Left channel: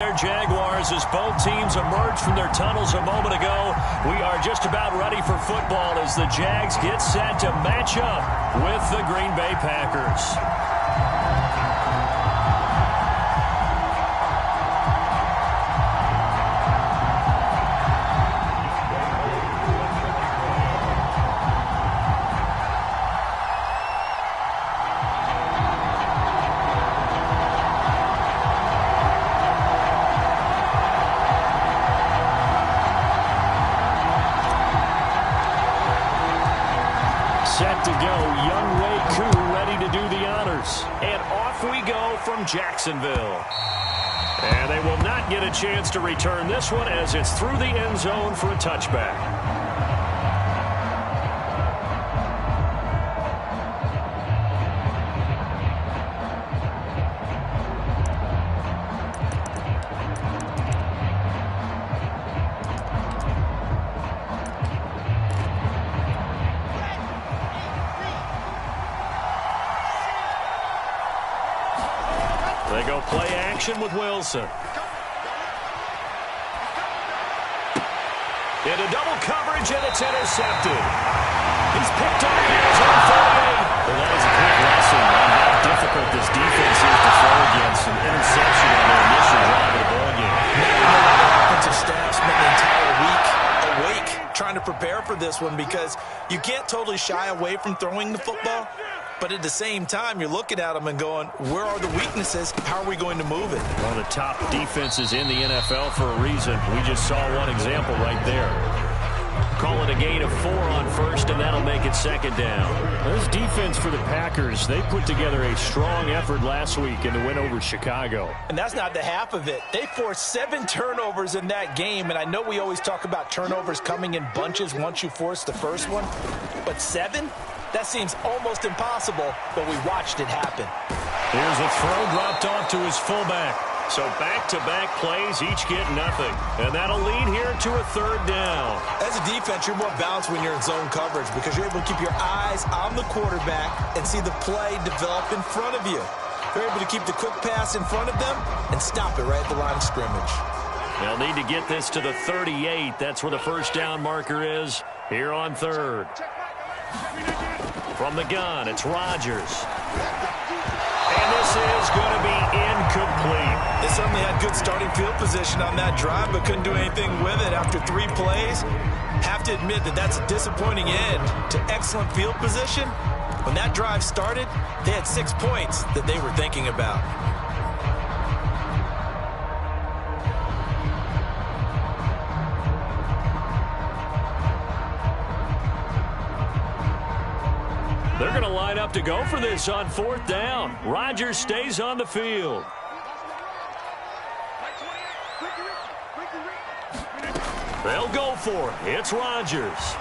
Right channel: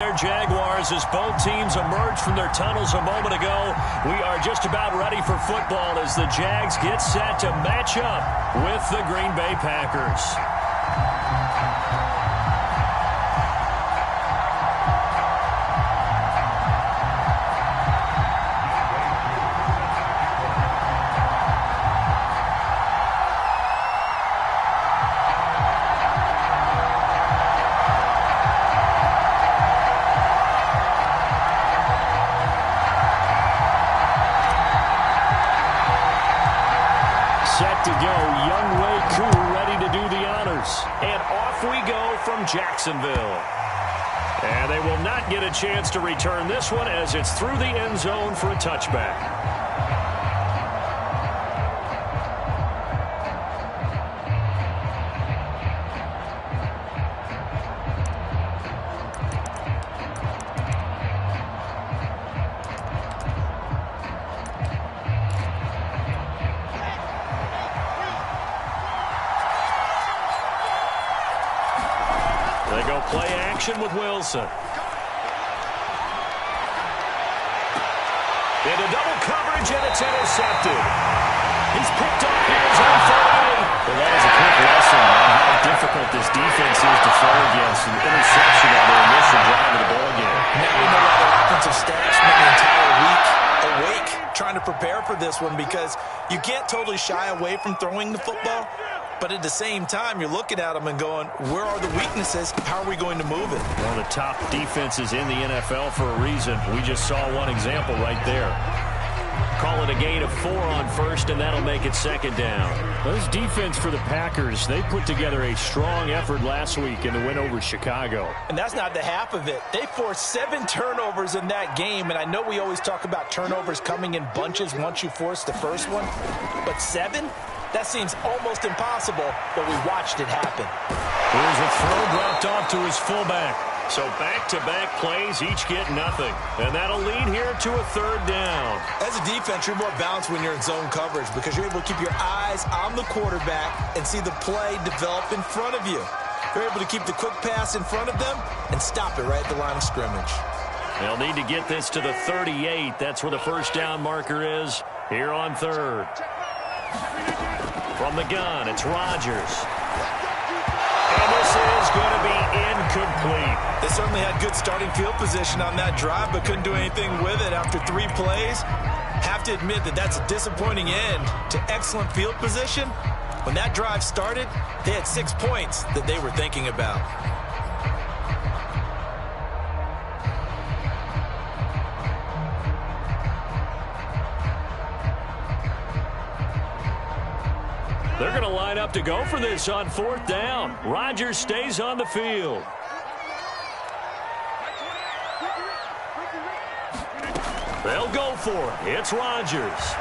Their Jaguars, as both teams emerged from their tunnels a moment ago. We are just about ready for football as the Jags get set to match up with the Green Bay Packers. Set to go, Young Wei Koo ready to do the honors. And off we go from Jacksonville. And they will not get a chance to return this one as it's through the end zone for a touchback. They go play action with Wilson. Into double coverage, and it's intercepted. He's picked off here his own 38. Well, that is a quick lesson on how difficult this defense is to throw against an interception on their initial drive of the ballgame. Now we know why their offensive staff spent the entire week awake trying to prepare for this one, because you can't totally shy away from throwing the football. But at the same time, you're looking at them and going, where are the weaknesses? How are we going to move it? One of the top defenses in the NFL for a reason. We just saw one example right there. Call it a gain of 4 on first, and that'll make it second down. This defense for the Packers, they put together a strong effort last week in the win over Chicago. And that's not the half of it. They forced 7 turnovers in that game, and I know we always talk about turnovers coming in bunches once you force the first one, but 7? That seems almost impossible, but we watched it happen. Here's a throw dropped off to his fullback. So back-to-back plays, each get nothing. And that'll lead here to a third down. As a defense, you're more balanced when you're in zone coverage because you're able to keep your eyes on the quarterback and see the play develop in front of you. You're able to keep the quick pass in front of them and stop it right at the line of scrimmage. They'll need to get this to the 38. That's where the first down marker is here on third. From the gun, it's Rodgers. And this is going to be incomplete. They certainly had good starting field position on that drive, but couldn't do anything with it after 3 plays. Have to admit that that's a disappointing end to excellent field position. When that drive started, they had 6 points that they were thinking about. They're going to line up to go for this on 4th down. Rodgers stays on the field. They'll go for it. It's Rodgers.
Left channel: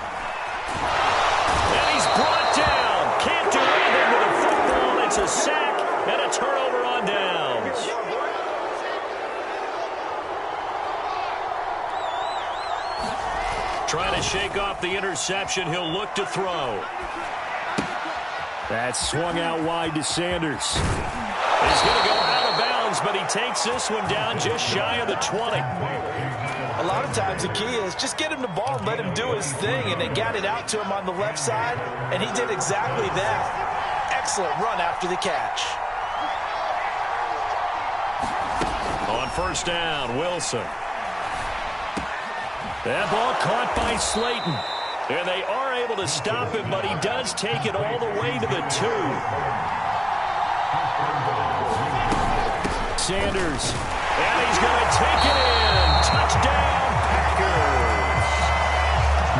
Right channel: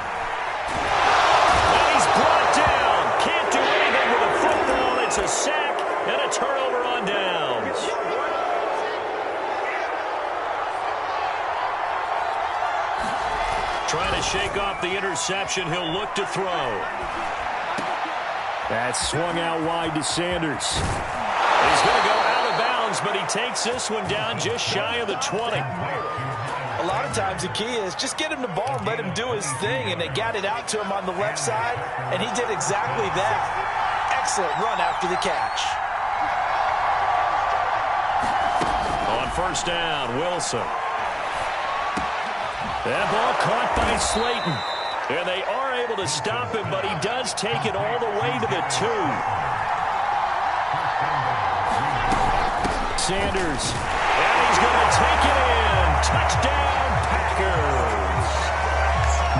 And he's brought down. Can't do anything with a football. It's a sack and a turnover on downs. Trying to shake off the interception. He'll look to throw. That swung out wide to Sanders. He's going to go out of bounds, but he takes this one down just shy of the 20. A lot of times the key is just get him the ball and let him do his thing, and they got it out to him on the left side, and he did exactly that. Excellent run after the catch. On first down, Wilson. That ball caught by Slayton. And they are able to stop him, but he does take it all the way to the 2. Sanders, and he's going to take it in. Touchdown, Packers.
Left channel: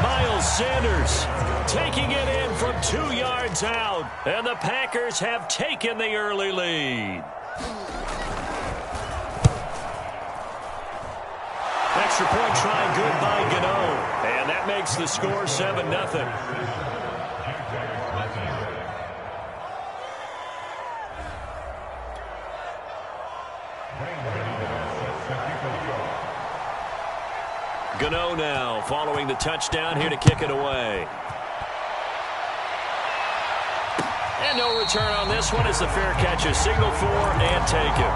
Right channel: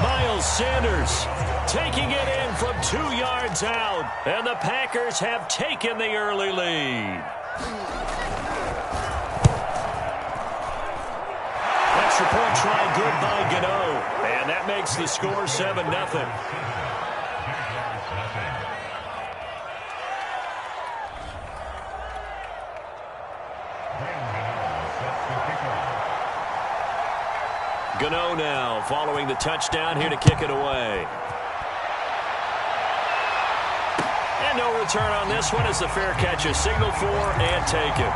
Miles Sanders taking it in from 2 yards out, and the Packers have taken the early lead. Extra point try good by Gano. And that makes the score 7-0. Gano now following the touchdown here to kick it away. And no return on this one as the fair catch is signaled for and taken.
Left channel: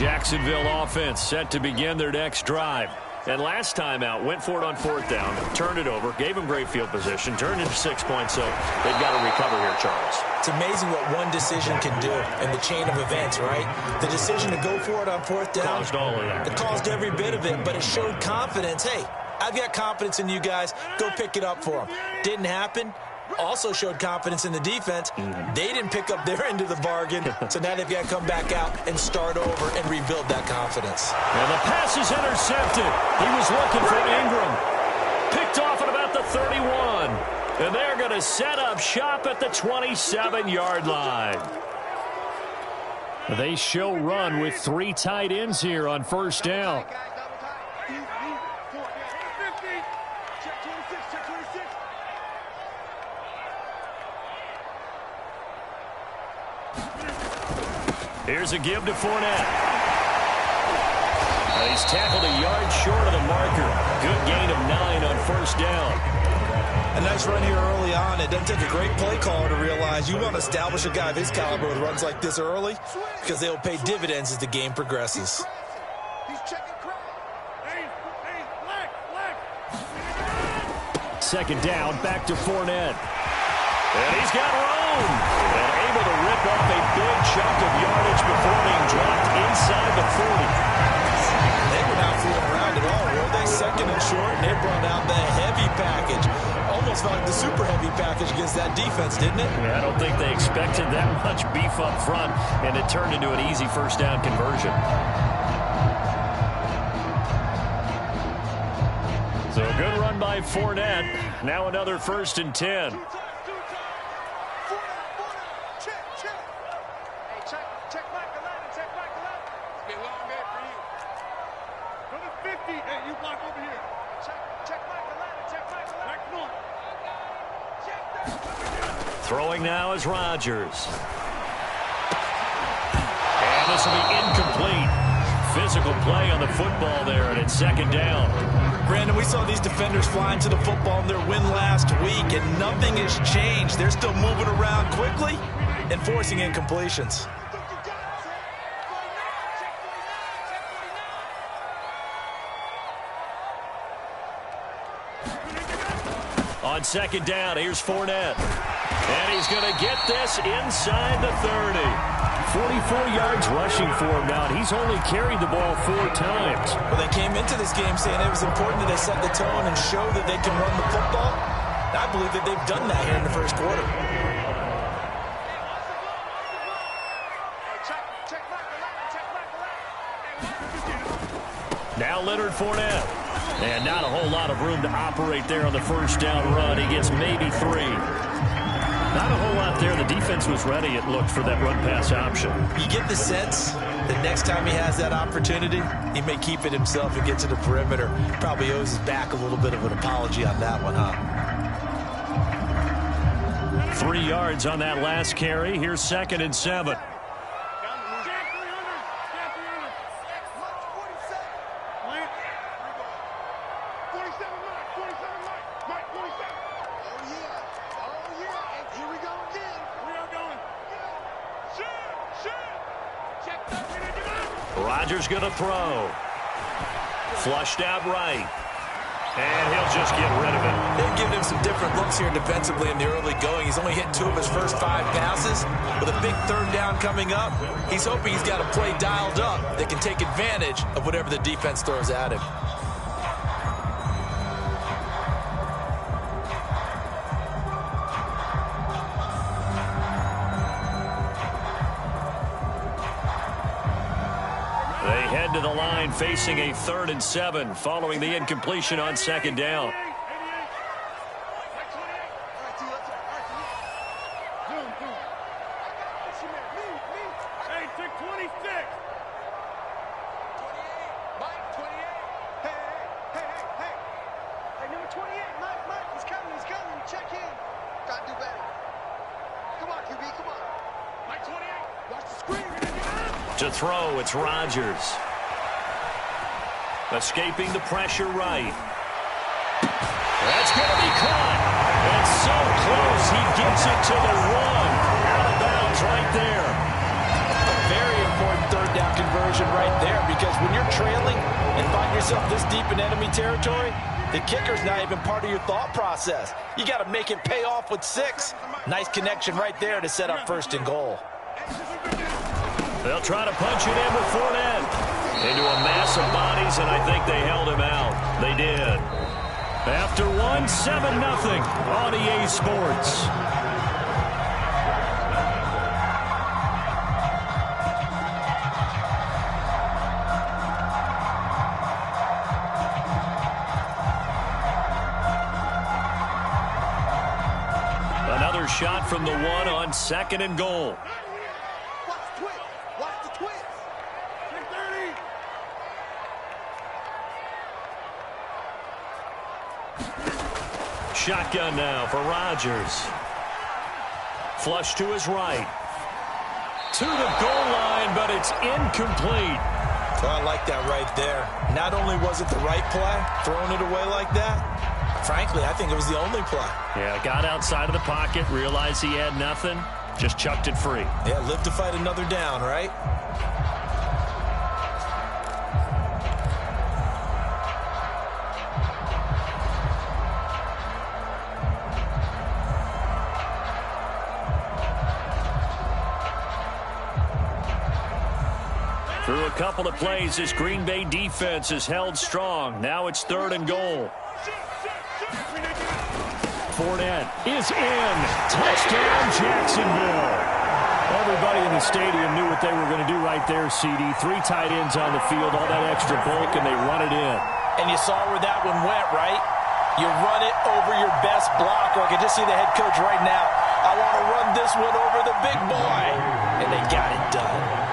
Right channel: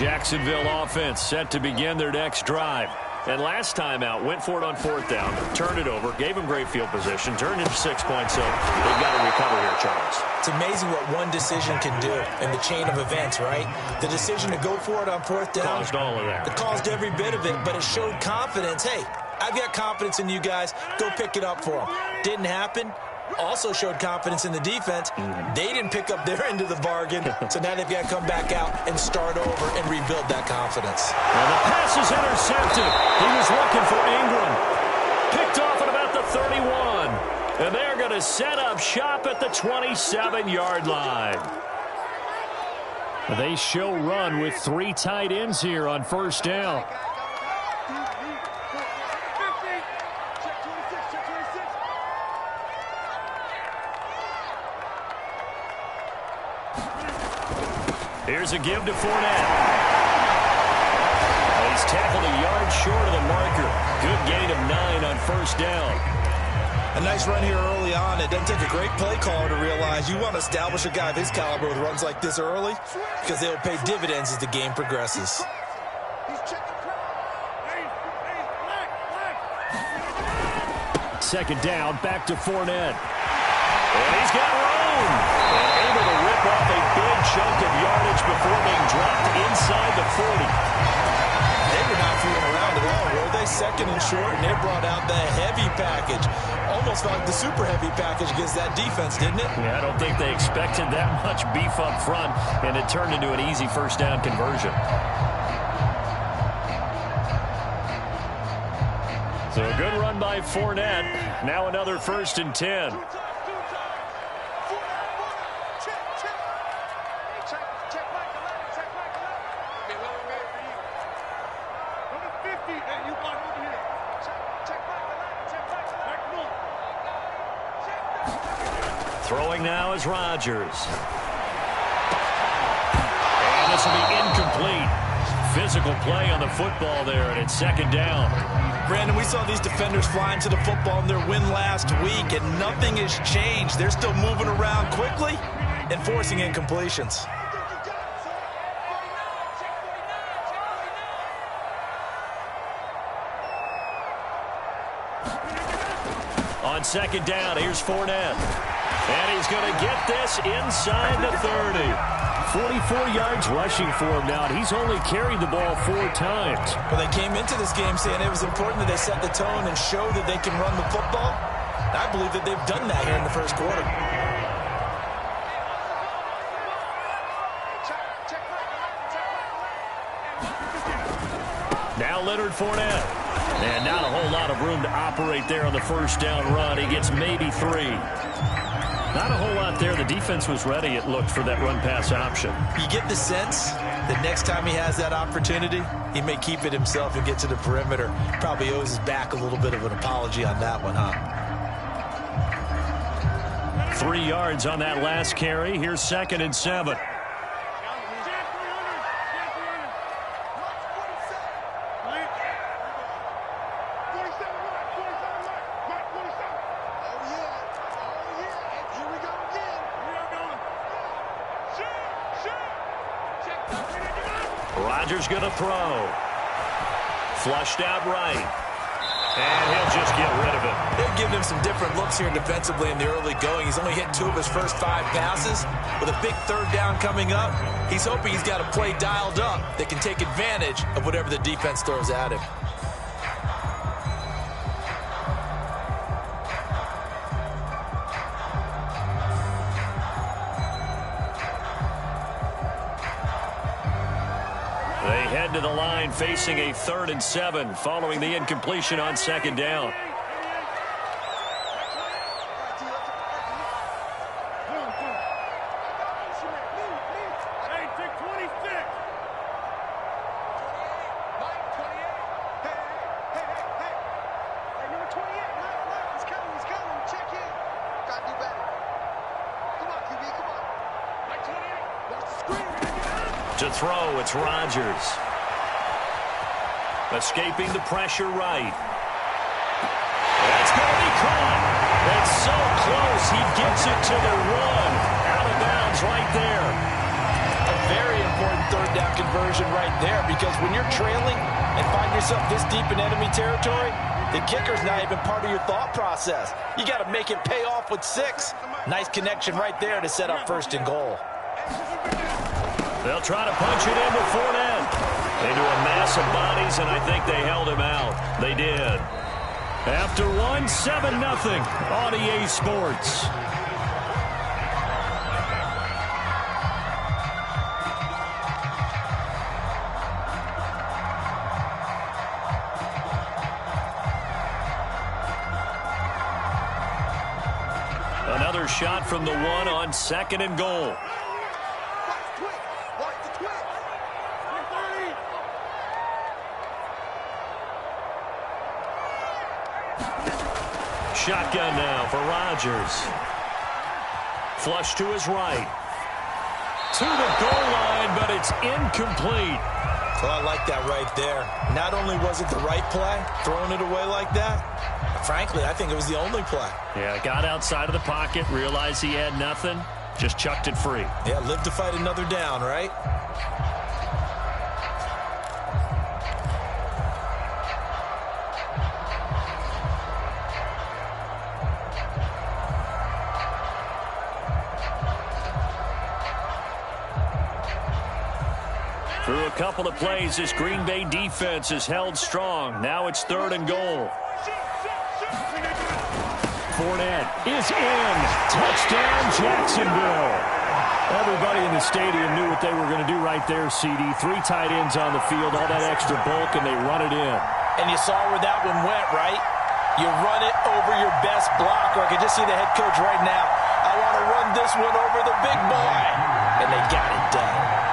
Jacksonville offense set to begin their next drive. And last time out, went for it on 4th down, turned it over, gave them great field position, turned into 6 points, so they've got to recover here, Charles. It's amazing what one decision can do in the chain of events, right? The decision to go for it on 4th down. Caused all of that. It caused every bit of it, but it showed confidence. Hey, I've got confidence in you guys. Go pick it up for them. Didn't happen. Also showed confidence in the defense. They didn't pick up their end of the bargain, so now they've got to come back out and start over and rebuild that confidence. And the pass is intercepted. He was looking for Ingram. Picked off at about the 31. And they're going to set up shop at the 27-yard line. They show run with 3 tight ends here on 1st down. Here's a give to Fournette. He's tackled a yard short of the marker. Good gain of 9 on 1st down. A nice run here early on. It doesn't take a great play caller to realize you want to establish a guy of his caliber with runs like this early because they'll pay dividends as the game progresses. Second down, back to Fournette. And he's got room. And able to rip off a big chunk of yardage before being dropped inside the 40. They were not fooling around at all, were they? Second and short, and they brought out the heavy package. Almost felt like the super heavy package against that defense, didn't it? Yeah, I don't think they expected that much beef up front, and it turned into an easy 1st down conversion. So a good run by Fournette. Now another 1st and 10. Throwing now is Rodgers. And this will be incomplete. Physical play on the football there, and it's 2nd down. Brandon, we saw these defenders flying to the football in their win last week, and nothing has changed. They're still moving around quickly and forcing incompletions. On 2nd down, here's Fournette. And he's going to get this inside the 30. 44 yards rushing for him now, and he's only carried the ball 4 times. Well, they came into this game saying it was important that they set the tone and show that they can run the football. And I believe that they've done that here in the 1st quarter. Now Leonard Fournette. And not a whole lot of room to operate there on the 1st down run. He gets maybe 3. Not a whole lot there. The defense was ready, it looked, for that run-pass option. You get the sense that next time he has that opportunity, he may keep it himself and get to the perimeter. Probably owes his back a little bit of an apology on that one, huh? 3 yards on that last carry. Here's 2nd and 7. Rodgers going to throw. Flushed out right. And he'll just get rid of it. They've given him some different looks here defensively in the early going. He's only hit 2 of his first 5 passes. With a big 3rd down coming up, he's hoping he's got a play dialed up that can take advantage of whatever the defense throws at him. They head to the line facing a 3rd and 7 following the incompletion on 2nd down. To throw, it's Rodgers. Escaping the pressure right. That's going to be caught. It's so close. He gets it to the 1. Out of bounds right there. A very important 3rd third down conversion right there, because when you're trailing and find yourself this deep in enemy territory, the kicker's not even part of your thought process. You got to make it pay off with 6. Nice connection right there to set up 1st and goal. They'll try to punch it in with Fournette. Into a mass of bodies, and I think they held him out. They did. After one, 7-0 on EA Sports. Another shot from the 1 on 2nd and goal. Watch the twitch. 30. Shotgun now for Rodgers. Flush to his right. To the goal line, but it's incomplete. So I like that right there. Not only was it the right play, throwing it away like that, frankly, I think it was the only play. Yeah, got outside of the pocket, realized he had nothing, just chucked it free. Yeah, live to fight another down, right? Through a couple of plays, this Green Bay defense has held strong. Now it's 3rd and goal. Fournette is in. Touchdown, Jacksonville. Everybody in the stadium knew what they were going to do right there, CD. 3 tight ends on the field, all that extra bulk, and they run it in. And you saw where that one went, right? You run it over your best blocker. I can just see the head coach right now. I want to run this one over the big boy. And they got it done.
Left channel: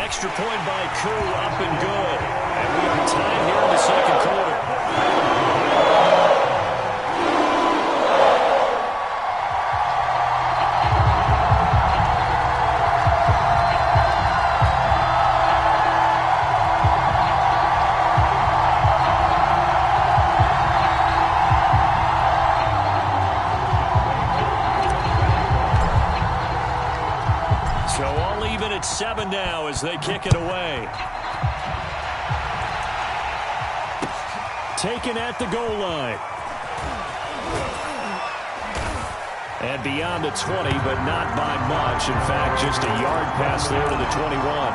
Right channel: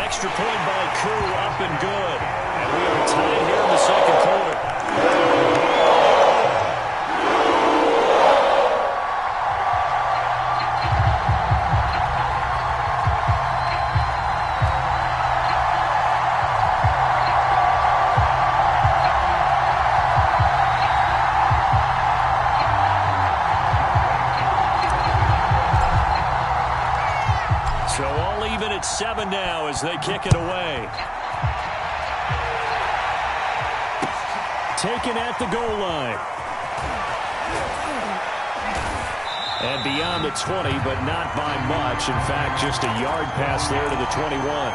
Extra point by Koo, up and good. And we are tied here in the 2nd quarter. So all even at 7 now as they kick it away. Taken at the goal line. And beyond the 20, but not by much. In fact, just a yard pass there to the 21.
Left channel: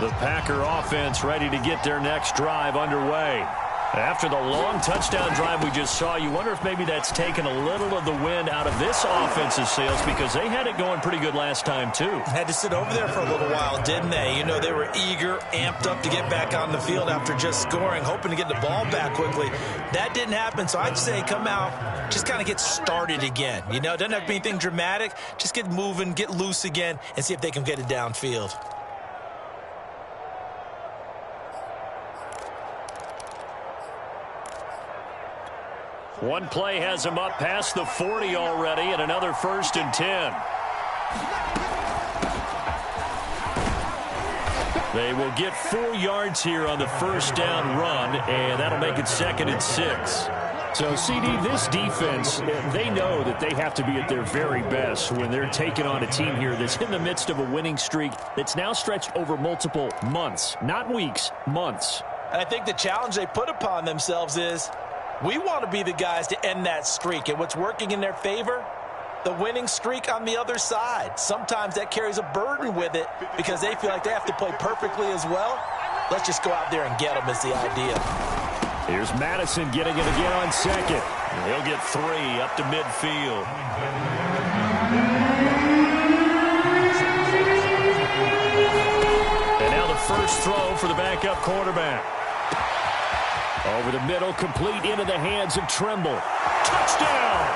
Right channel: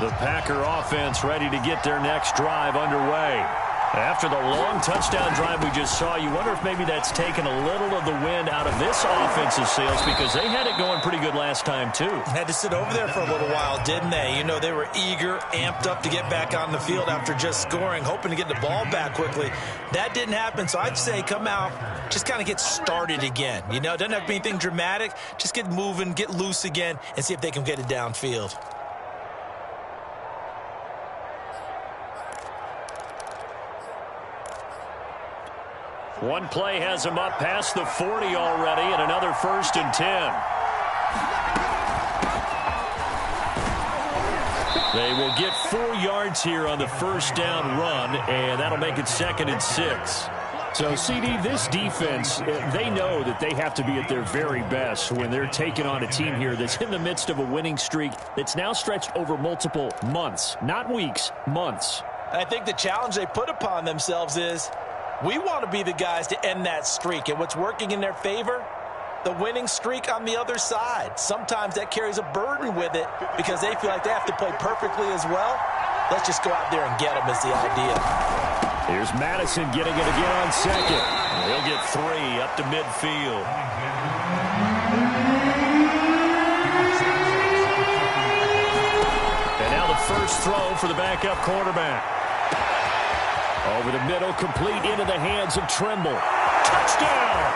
The Packer offense ready to get their next drive underway. After the long touchdown drive we just saw, you wonder if maybe that's taken a little of the wind out of this offense's sails, because they had it going pretty good last time, too. Had to sit over there for a little while, didn't they? You know, they were eager, amped up to get back on the field after just scoring, hoping to get the ball back quickly. That didn't happen, so I'd say come out, just kind of get started again. You know, doesn't have to be anything dramatic. Just get moving, get loose again, and see if they can get it downfield. One play has him up past the 40 already, and another 1st and 10. They will get 4 yards here on the 1st down run, and that'll make it 2nd and 6. So, CD, this defense, they know that they have to be at their very best when they're taking on a team here that's in the midst of a winning streak that's now stretched over multiple months, not weeks, months. And I think the challenge they put upon themselves is, we want to be the guys to end that streak. And what's working in their favor? The winning streak on the other side. Sometimes that carries a burden with it because they feel like they have to play perfectly as well. Let's just go out there and get them is the idea. Here's Madison getting it again on 2nd. He'll get 3 up to midfield. And now the first throw for the backup quarterback. Over the middle, complete into the hands of Trimble. Touchdown!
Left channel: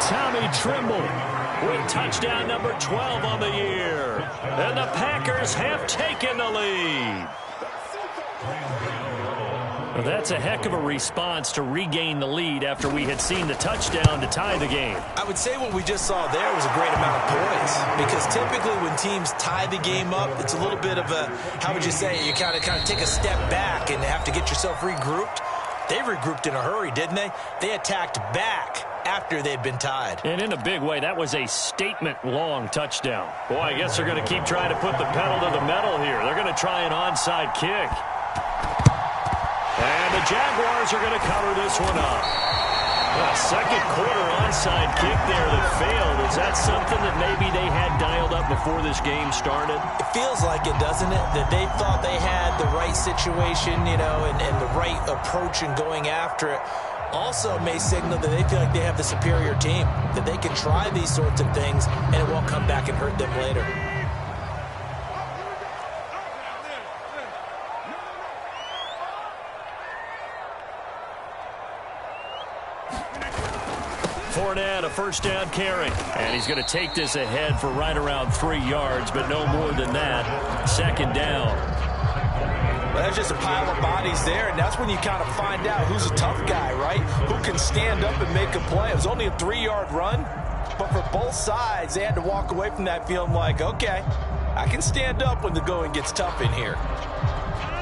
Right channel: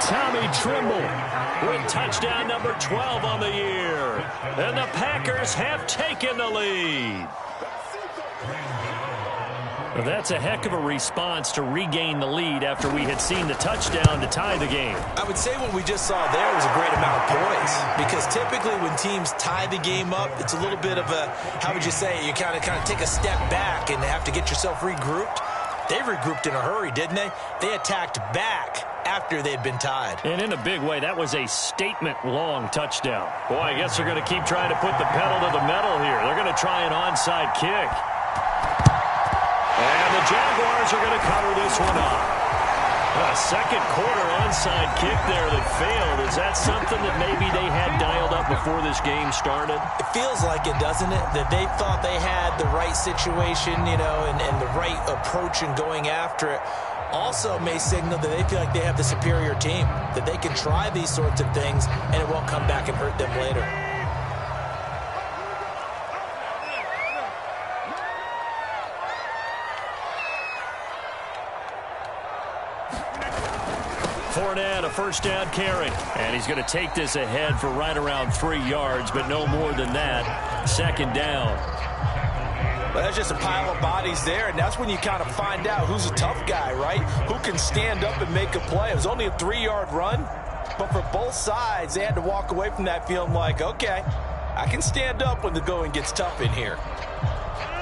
Tommy Trimble with touchdown number 12 on the year. And the Packers have taken the lead. Well, that's a heck of a response to regain the lead after we had seen the touchdown to tie the game. I would say what we just saw there was a great amount of poise, because typically when teams tie the game up, it's a little bit of a, how would you say, you kind of take a step back and have to get yourself regrouped. They regrouped in a hurry, didn't they? They attacked back after they'd been tied. And in a big way, that was a statement-long touchdown. Boy, I guess they're going to keep trying to put the pedal to the metal here. They're going to try an onside kick. And the Jaguars are going to cover this one up. A second quarter onside kick there that failed. Is that something that maybe they had dialed up before this game started? It feels like it, doesn't it? That they thought they had the right situation, you know, and the right approach in going after it. Also may signal that they feel like they have the superior team, that they can try these sorts of things and it won't come back and hurt them later. Fournette, a first down carry. And he's going to take this ahead for right around 3 yards, but no more than that. Second down. Well, that's just a pile of bodies there, and that's when you kind of find out who's a tough guy, right? Who can stand up and make a play. It was only a 3-yard run, but for both sides, they had to walk away from that feeling like, okay, I can stand up when the going gets tough in here.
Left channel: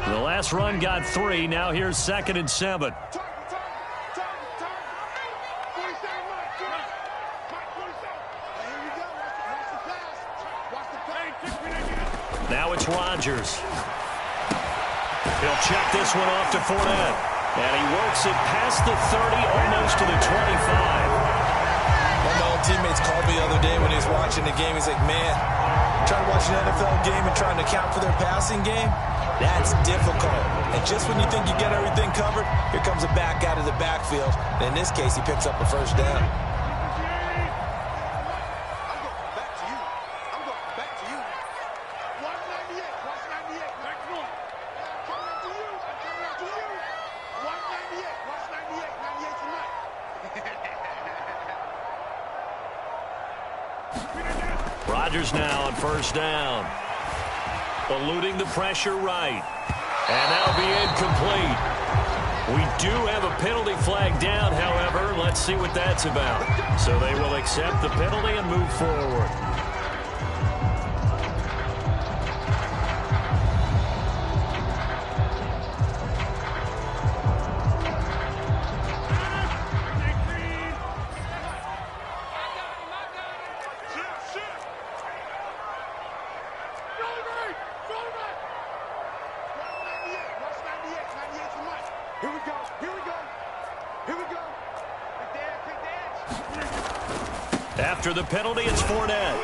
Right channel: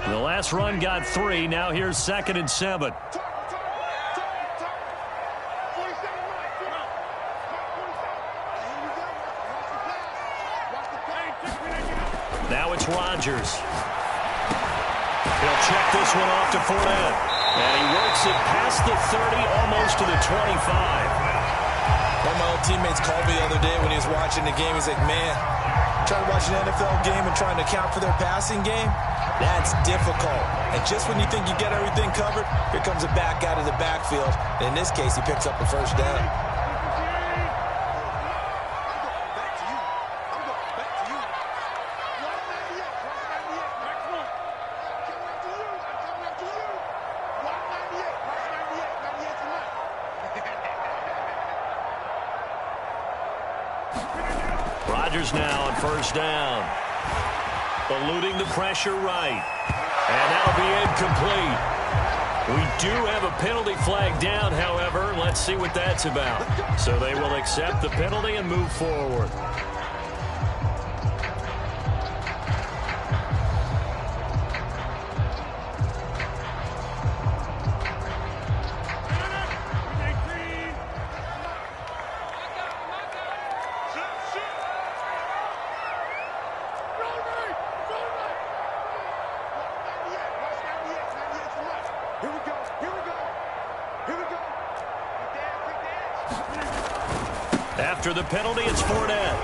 The last run got 3. Now here's 2nd and 7. Now it's Rodgers. He'll check this one off to Fournette. And he works it past the 30, almost to the 25. One of my old teammates called me the other day when he was watching the game. He's like, man, trying to watch an NFL game and trying to account for their passing game, that's difficult. And just when you think you get everything covered, here comes a back out of the backfield. And in this case, he picks up a first down. Rodgers now on first down. Eluding the pressure right. And that'll be incomplete. We do have a penalty flag down, however. Let's see what that's about. So they will accept the penalty and move forward. After the penalty, it's Fournette.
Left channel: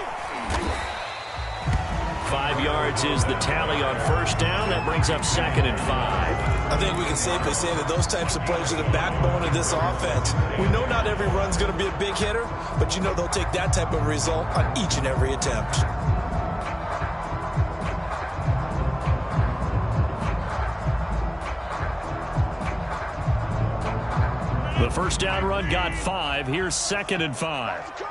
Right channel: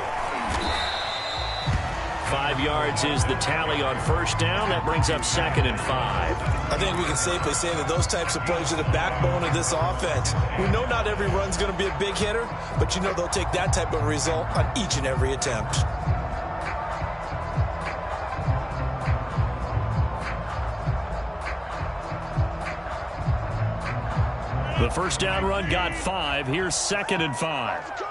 5 yards is the tally on first down. That brings up 2nd and 5. I think we can safely say that those types of plays are the backbone of this offense. We know not every run's going to be a big hitter, but you know they'll take that type of result on each and every attempt. The first down run got 5. Here's 2nd and 5.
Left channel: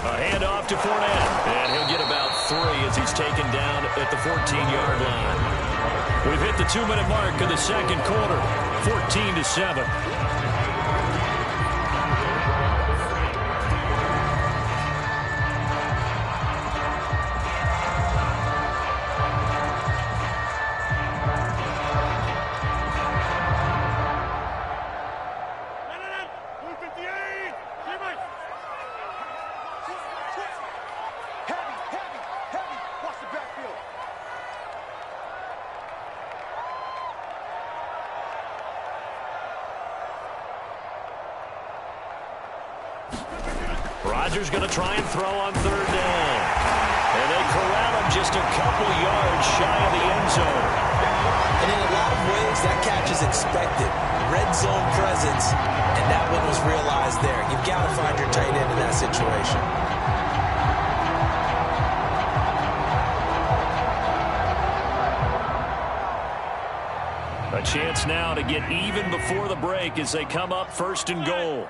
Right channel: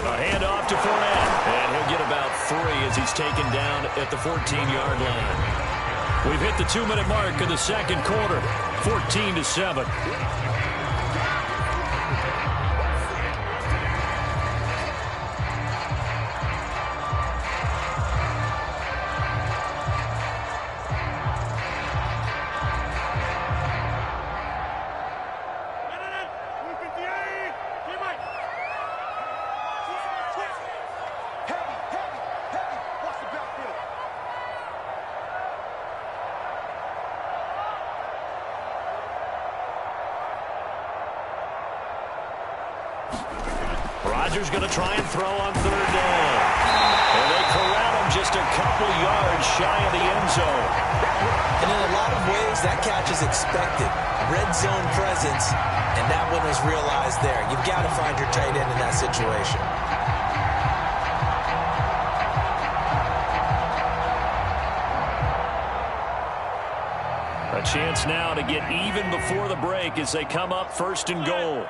A handoff to Fournette, and he'll get about 3 as he's taken down at the 14-yard line. We've hit the 2-minute mark of the second quarter, 14-7. Rodgers going to try and throw on third down. And they corral him just a couple yards shy of the end zone. And in a lot of ways, that catch is expected. Red zone presence, and that one was realized there. You've got to find your tight end in that situation. A chance now to get even before the break as they come up 1st and goal.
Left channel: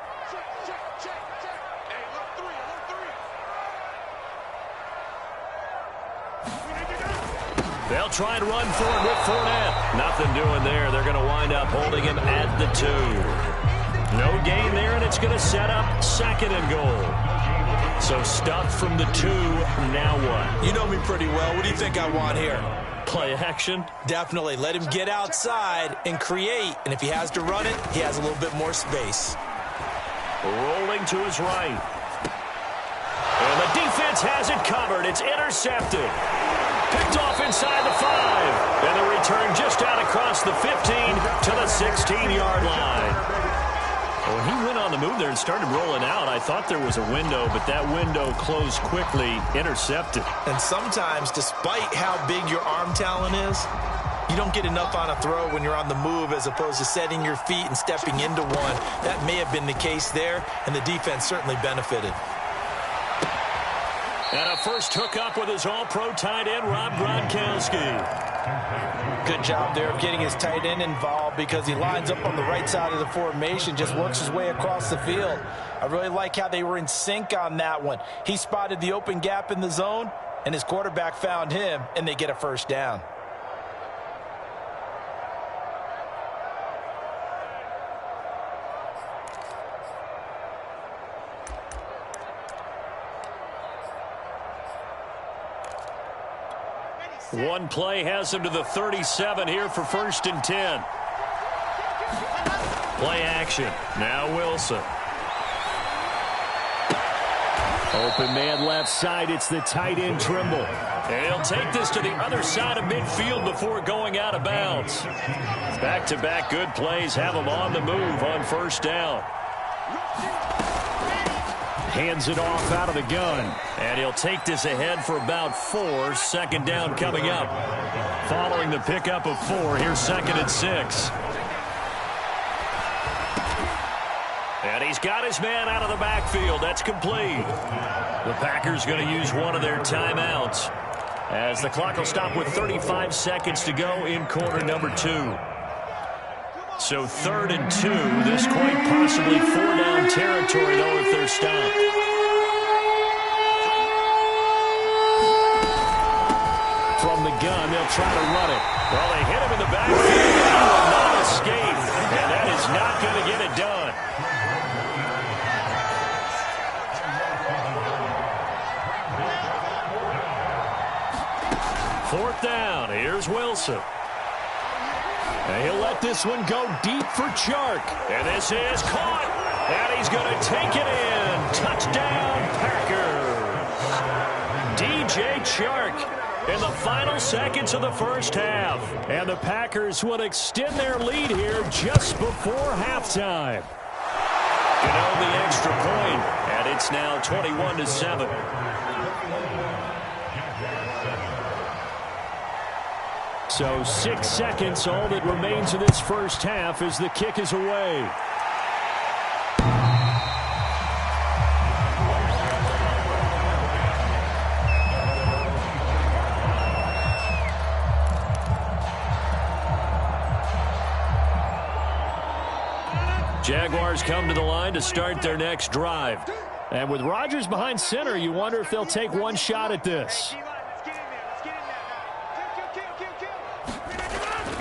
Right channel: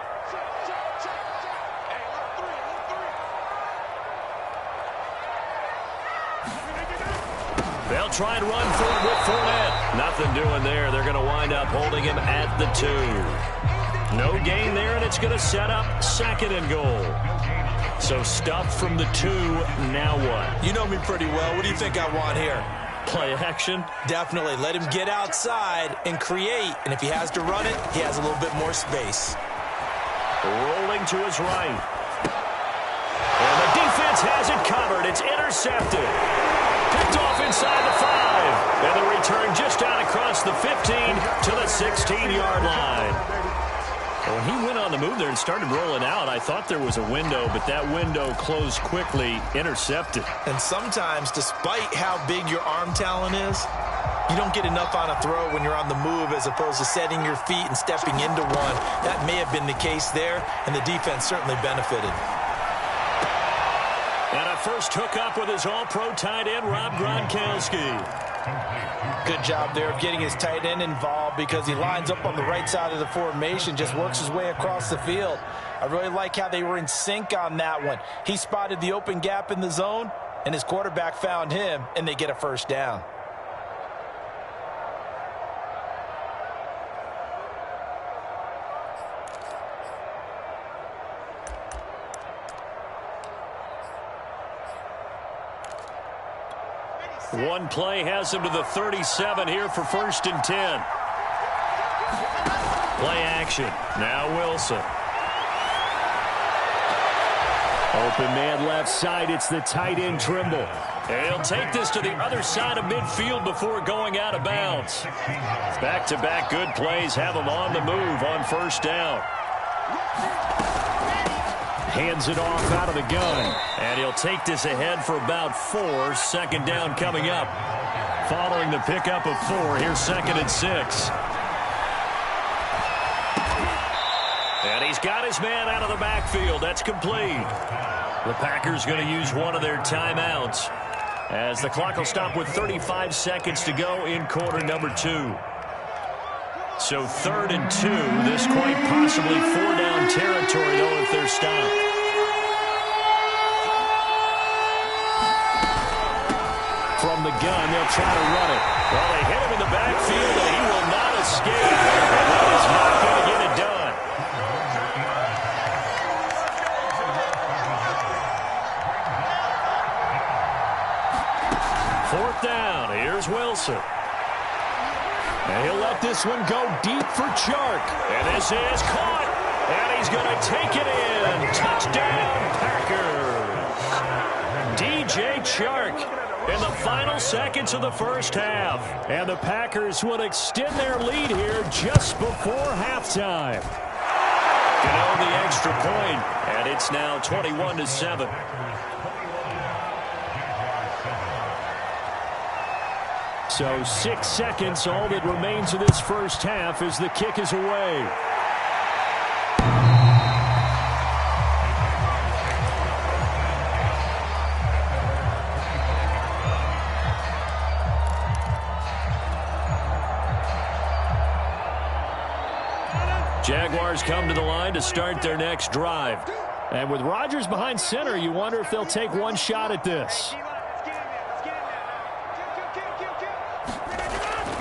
They'll try and run for it with Fournette. Nothing doing there. They're going to wind up holding him at the 2. No gain there, and it's going to set up 2nd and goal. So stuffed from the 2. Now what? You know me pretty well. What do you think I want here? Play action? Definitely. Let him get outside and create. And if he has to run it, he has a little bit more space. Rolling to his right. And the defense has it covered. It's intercepted. Picked off inside the 5. And the return just out across the 15 to the 16-yard line. When he went on the move there and started rolling out, I thought there was a window, but that window closed quickly, intercepted. And sometimes, despite how big your arm talent is, you don't get enough on a throw when you're on the move as opposed to setting your feet and stepping into one. That may have been the case there, and the defense certainly benefited. And a first hookup with his all-pro tight end, Rob Gronkowski. Good job there of getting his tight end involved because he lines up on the right side of the formation, just works his way across the field. I really like how they were in sync on that one. He spotted the open gap in the zone, and his quarterback found him, and they get a first down. One play has him to the 37 here for 1st and 10. Play action. Now Wilson. Open man left side. It's the tight end Trimble. And he'll take this to the other side of midfield before going out of bounds. Back-to-back good plays have him on the move on 1st down. Hands it off out of the gun. And he'll take this ahead for about 4. 2nd down coming up. Following the pickup of 4, here's 2nd and 6. And he's got his man out of the backfield. That's complete. The Packers going to use one of their timeouts as the clock will stop with 35 seconds to go in quarter number 2. So 3rd and 2. This quite possibly 4-down territory, though, if they're stopped. From the gun, they'll try to run it. Well, they hit him in the backfield, and he will not escape. And that is not going to get it done. Fourth down. Here's Wilson. And he'll let this one go deep for Chark. And this is caught. And he's going to take it in. Touchdown, Packers. DJ Chark in the final seconds of the first half. And the Packers will extend their lead here just before halftime. Can own the extra point. And it's now 21-7. So 6 seconds, all that remains of this first half as the kick is away. Jaguars come to the line to start their next drive. And with Rodgers behind center, you wonder if they'll take one shot at this.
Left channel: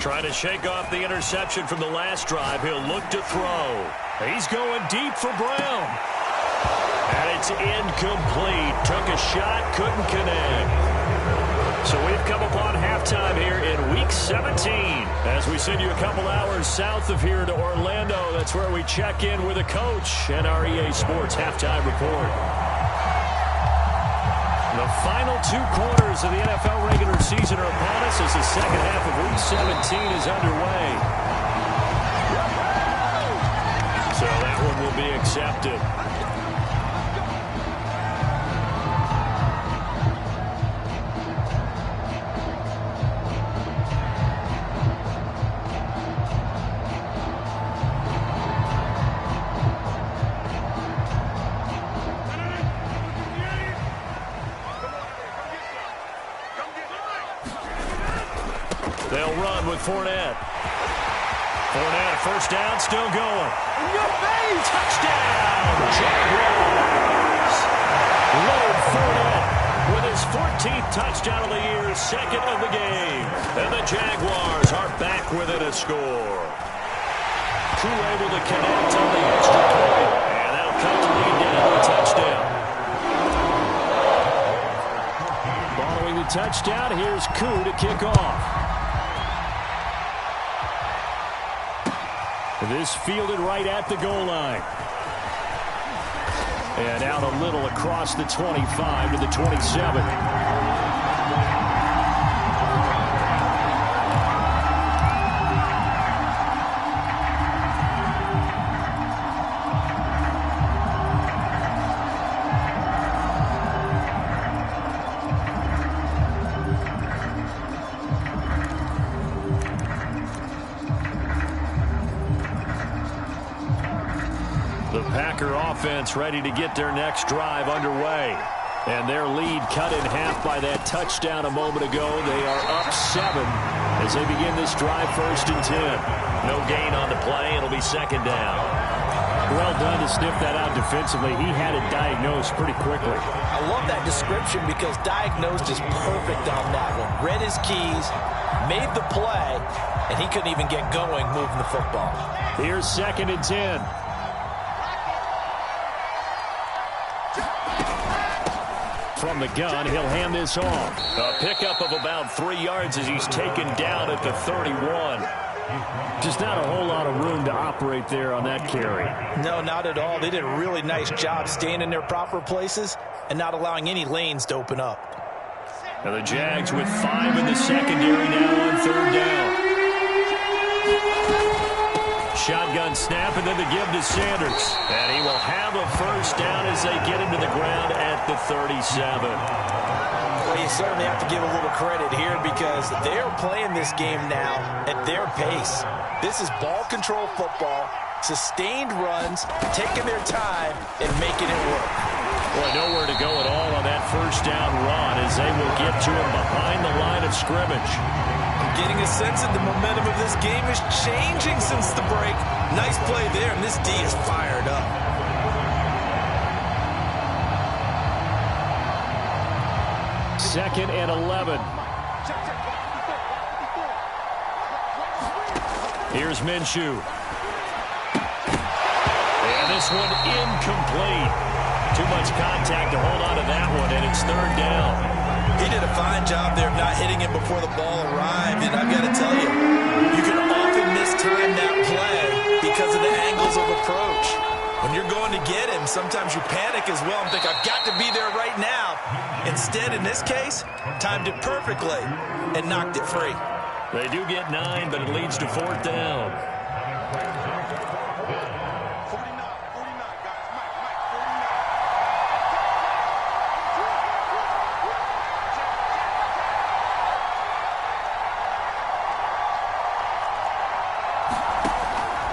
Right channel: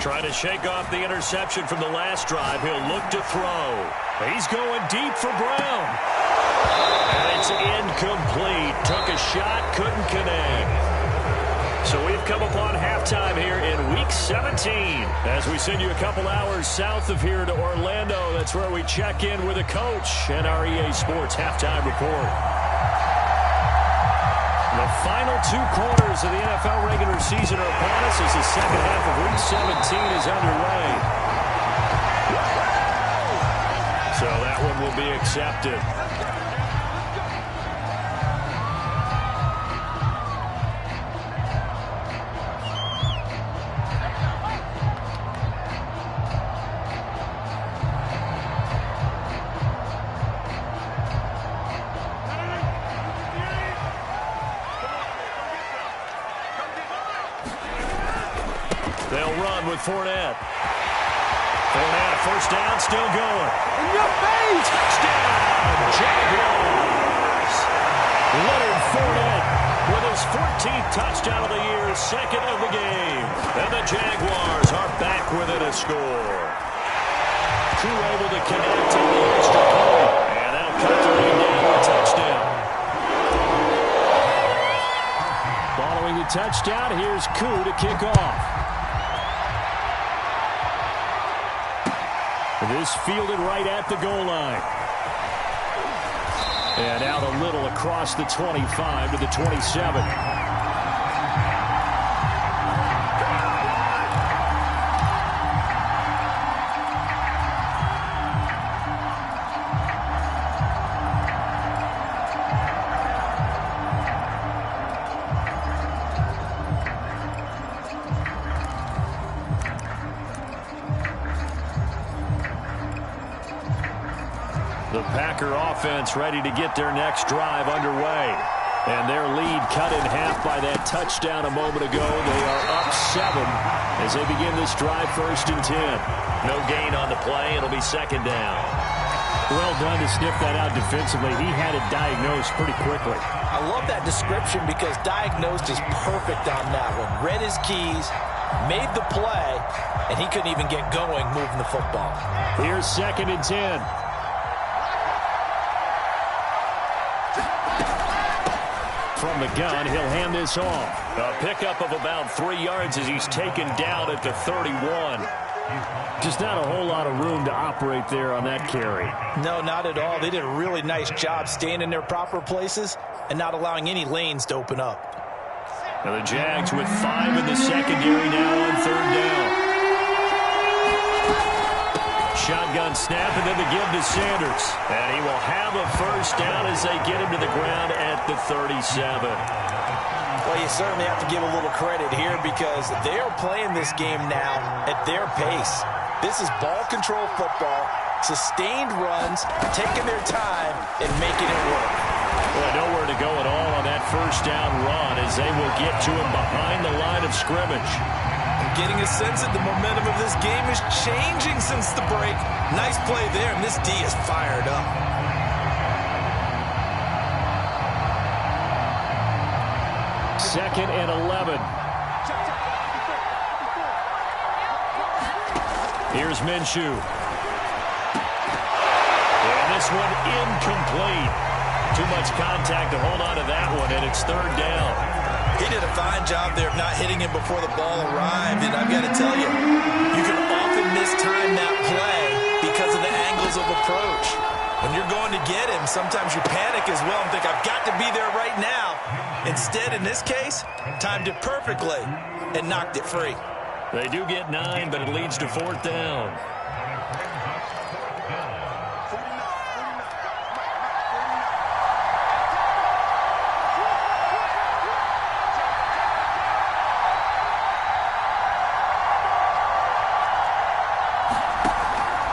Trying to shake off the interception from the last drive. He'll look to throw. He's going deep for Brown. And it's incomplete. Took a shot, couldn't connect. So we've come upon halftime here in Week 17. As we send you a couple hours south of here to Orlando, that's where we check in with a coach and our EA Sports Halftime Report. The final 2 quarters of the NFL regular season are upon us as the second half of Week 17 is underway. So that one will be accepted. They'll run with Fournette. Fournette, a first down, still going. In your face! Touchdown, Jaguars! Leonard Fournette with his 14th touchdown of the year, second of the game. And the Jaguars are back within a score. Koo able to connect on the extra point, and that'll cut the lead down to a touchdown. Following the touchdown, here's Koo to kick off. This fielded right at the goal line. And out a little across the 25 to the 27. The Packer offense ready to get their next drive underway. And their lead cut in half by that touchdown a moment ago. They are up 7 as they begin this drive, 1st and 10. No gain on the play. It'll be 2nd down. Well done to sniff that out defensively. He had it diagnosed pretty quickly. I love that description because diagnosed is perfect on that one. Read his keys, made the play, and he couldn't even get going moving the football. Here's 2nd and 10. From the gun, he'll hand this off. A pickup of about 3 yards as he's taken down at the 31. Just not a whole lot of room to operate there on that carry. No, not at all. They did a really nice job staying in their proper places and not allowing any lanes to open up. Now the Jags with 5 in the secondary now on 3rd down. Shotgun snap, and then the give to Sanders. And he will have a 1st down as they get him to the ground at the 37. Well, you certainly have to give a little credit here because they are playing this game now at their pace. This is ball control football, sustained runs, taking their time, and making it work. Well, nowhere to go at all on that 1st down run as they will get to him behind the line of scrimmage. I'm getting a sense that the momentum of this game is changing since the break. Nice play there, and this D is fired up. Second and 11. Here's Minshew. And this one incomplete. Too much contact to hold on to that one, and it's 3rd down. He did a fine job there of not hitting him before the ball arrived, and I've got to tell you, you can often mistime that play because of the angles of approach. When you're going to get him, sometimes you panic as well and think, I've got to be there right now. Instead, in this case, timed it perfectly and knocked it free. They do get 9, but it leads to 4th down.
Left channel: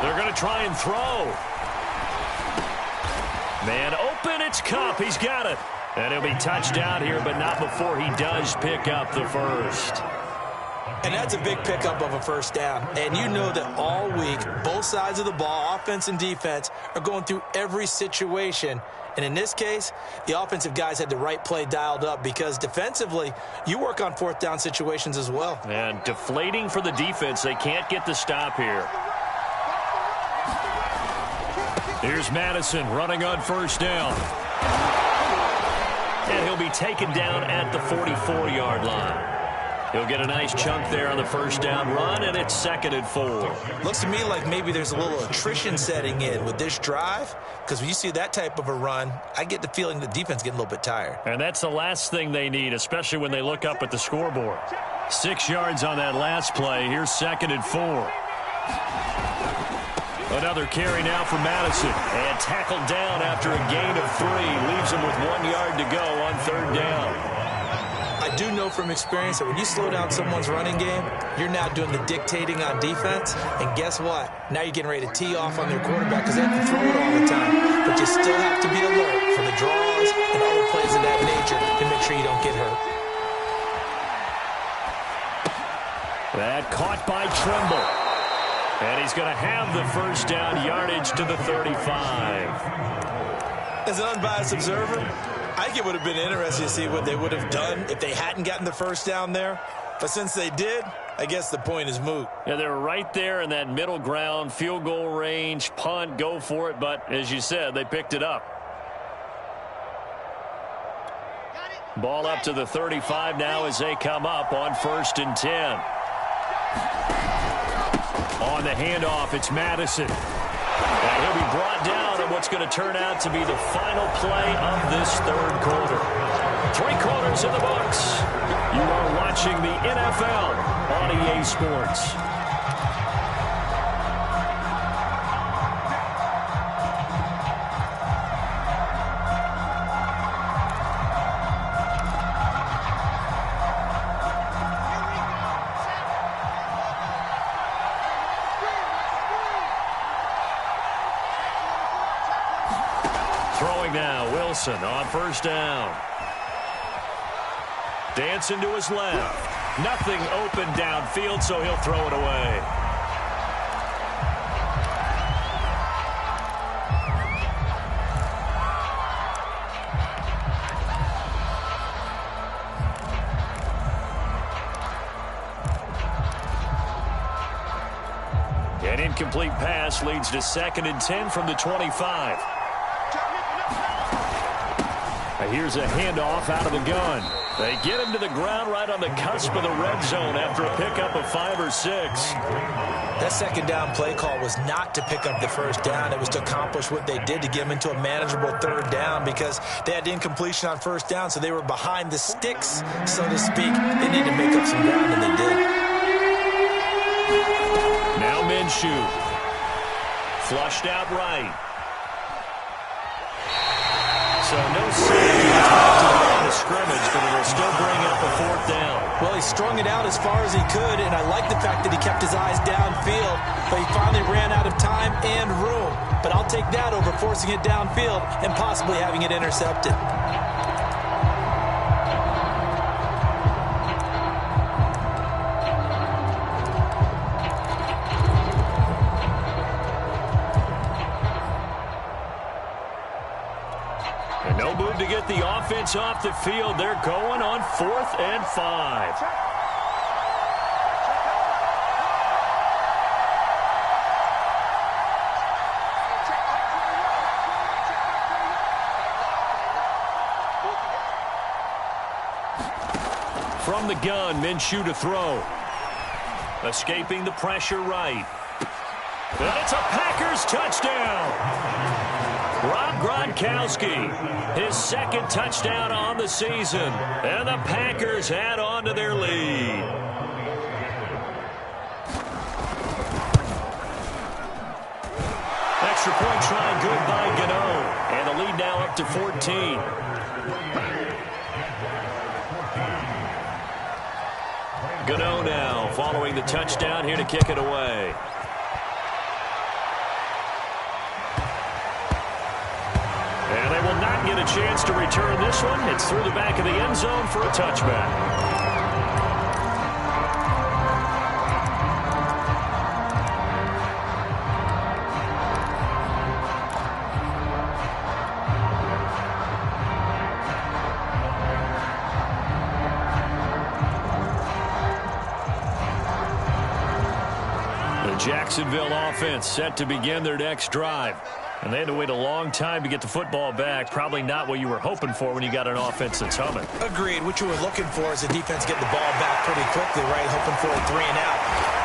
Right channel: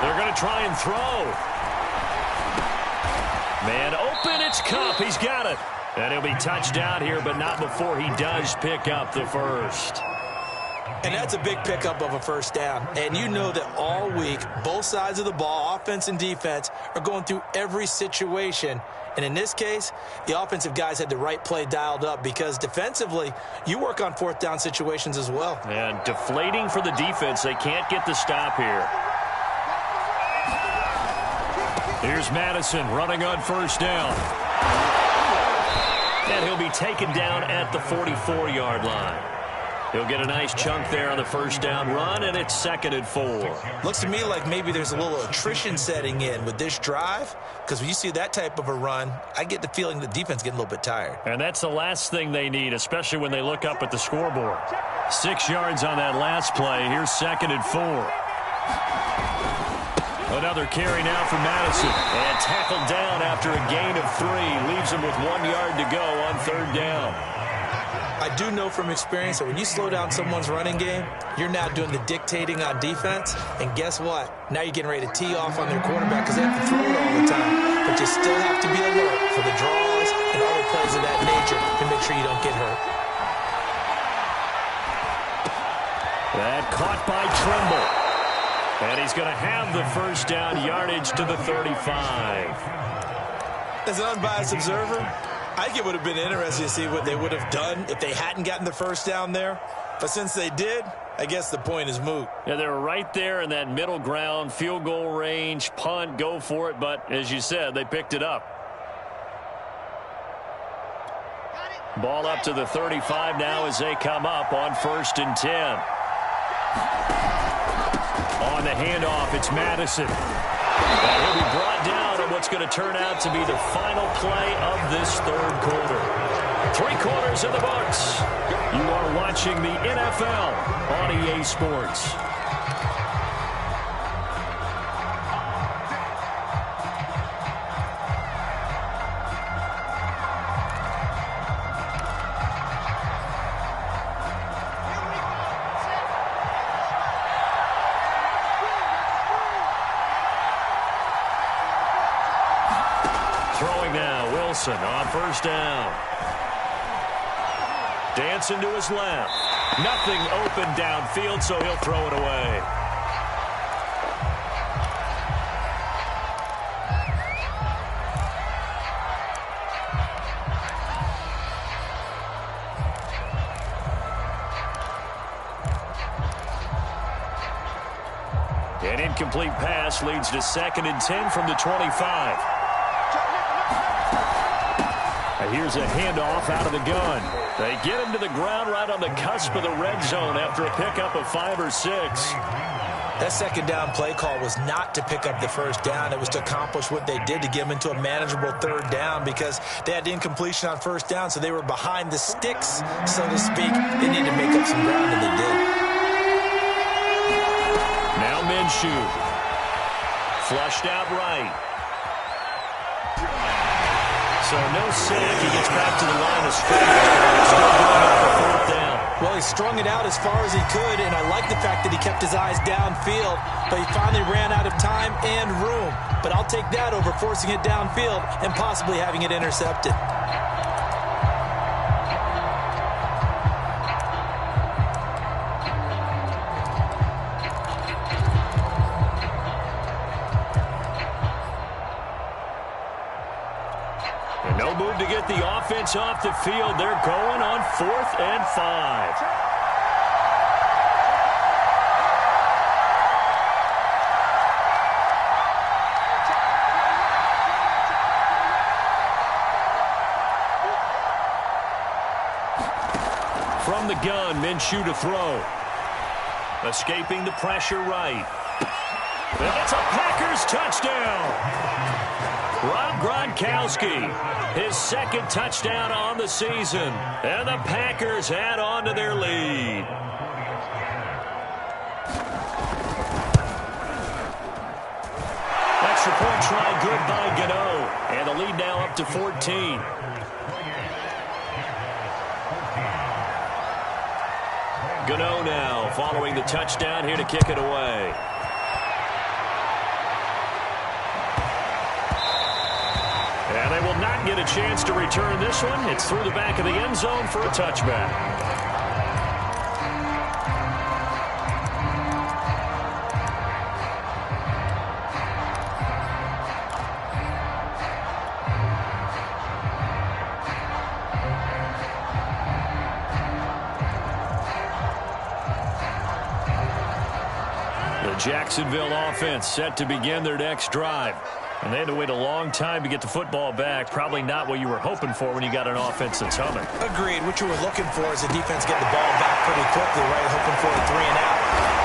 They're going to try and throw. Man open, it's Kupp. He's got it. And he'll be touched out here, but not before he does pick up the 1st. And that's a big pickup of a 1st down. And you know that all week, both sides of the ball, offense and defense, are going through every situation. And in this case, the offensive guys had the right play dialed up because defensively, you work on 4th down situations as well. And deflating for the defense. They can't get the stop here. Here's Madison running on 1st down. And he'll be taken down at the 44-yard line. He'll get a nice chunk there on the 1st down run, and it's 2nd and 4. Looks to me like maybe there's a little attrition setting in with this drive, because when you see that type of a run, I get the feeling the defense getting a little bit tired. And that's the last thing they need, especially when they look up at the scoreboard. 6 yards on that last play. Here's 2nd and 4. Another carry now for Madison. And tackled down after a gain of 3. Leaves him with 1 yard to go on 3rd down. I do know from experience that when you slow down someone's running game, you're now doing the dictating on defense. And guess what? Now you're getting ready to tee off on their quarterback because they have to throw it all the time. But you still have to be alert for the draws and other plays of that nature to make sure you don't get hurt. That caught by Trimble. And he's going to have the 1st down, yardage to the 35. As an unbiased observer, I think it would have been interesting to see what they would have done if they hadn't gotten the first down there. But since they did, I guess the point is moot. Yeah, they were right there in that middle ground, field goal range, punt, go for it. But as you said, they picked it up. Ball up to the 35 now as they come up on 1st and 10. On the handoff, it's Madison. And he'll be brought down on what's going to turn out to be the final play of this third quarter. 3 quarters in the books. You are watching the NFL on EA Sports. Throwing now, Wilson on 1st down. Dancing to his left. Nothing open downfield, so he'll throw it away. An incomplete pass leads to 2nd and 10 from the 25. Here's a handoff out of the gun. They get him to the ground right on the cusp of the red zone after a pickup of 5 or 6. That 2nd down play call was not to pick up the 1st down. It was to accomplish what they did to get them into a manageable 3rd down because they had incompletion on 1st down, so they were behind the sticks, so to speak. They needed to make up some ground, and they did. Now Minshew. Flushed out right. So no sack. He gets back to the line of scrimmage, but it will still bring up a 4th down. Well, he strung it out as far as he could, and I like the fact that he kept his eyes downfield, but he finally ran out of time and room. But I'll take that over forcing it downfield and possibly having it intercepted. And no move to get the offense off the field. They're going on 4th and 5. From the gun, Minshew to throw. Escaping the pressure right. And it's a Packers touchdown. Rob Gronkowski, his 2nd touchdown on the season. And the Packers add on to their lead. Extra point try good by Gano. And the lead now up to 14. Gano now following the touchdown here to kick it away. And they will not get a chance to return this one. It's through the back of the end zone for a touchback. The Jacksonville offense set to begin their next drive. And they had to wait a long time to get the football back. Probably not what you were hoping for when you got an offense that's humming. Agreed. What you were looking for is a defense getting the ball back pretty quickly, right? Hoping for a 3 and out.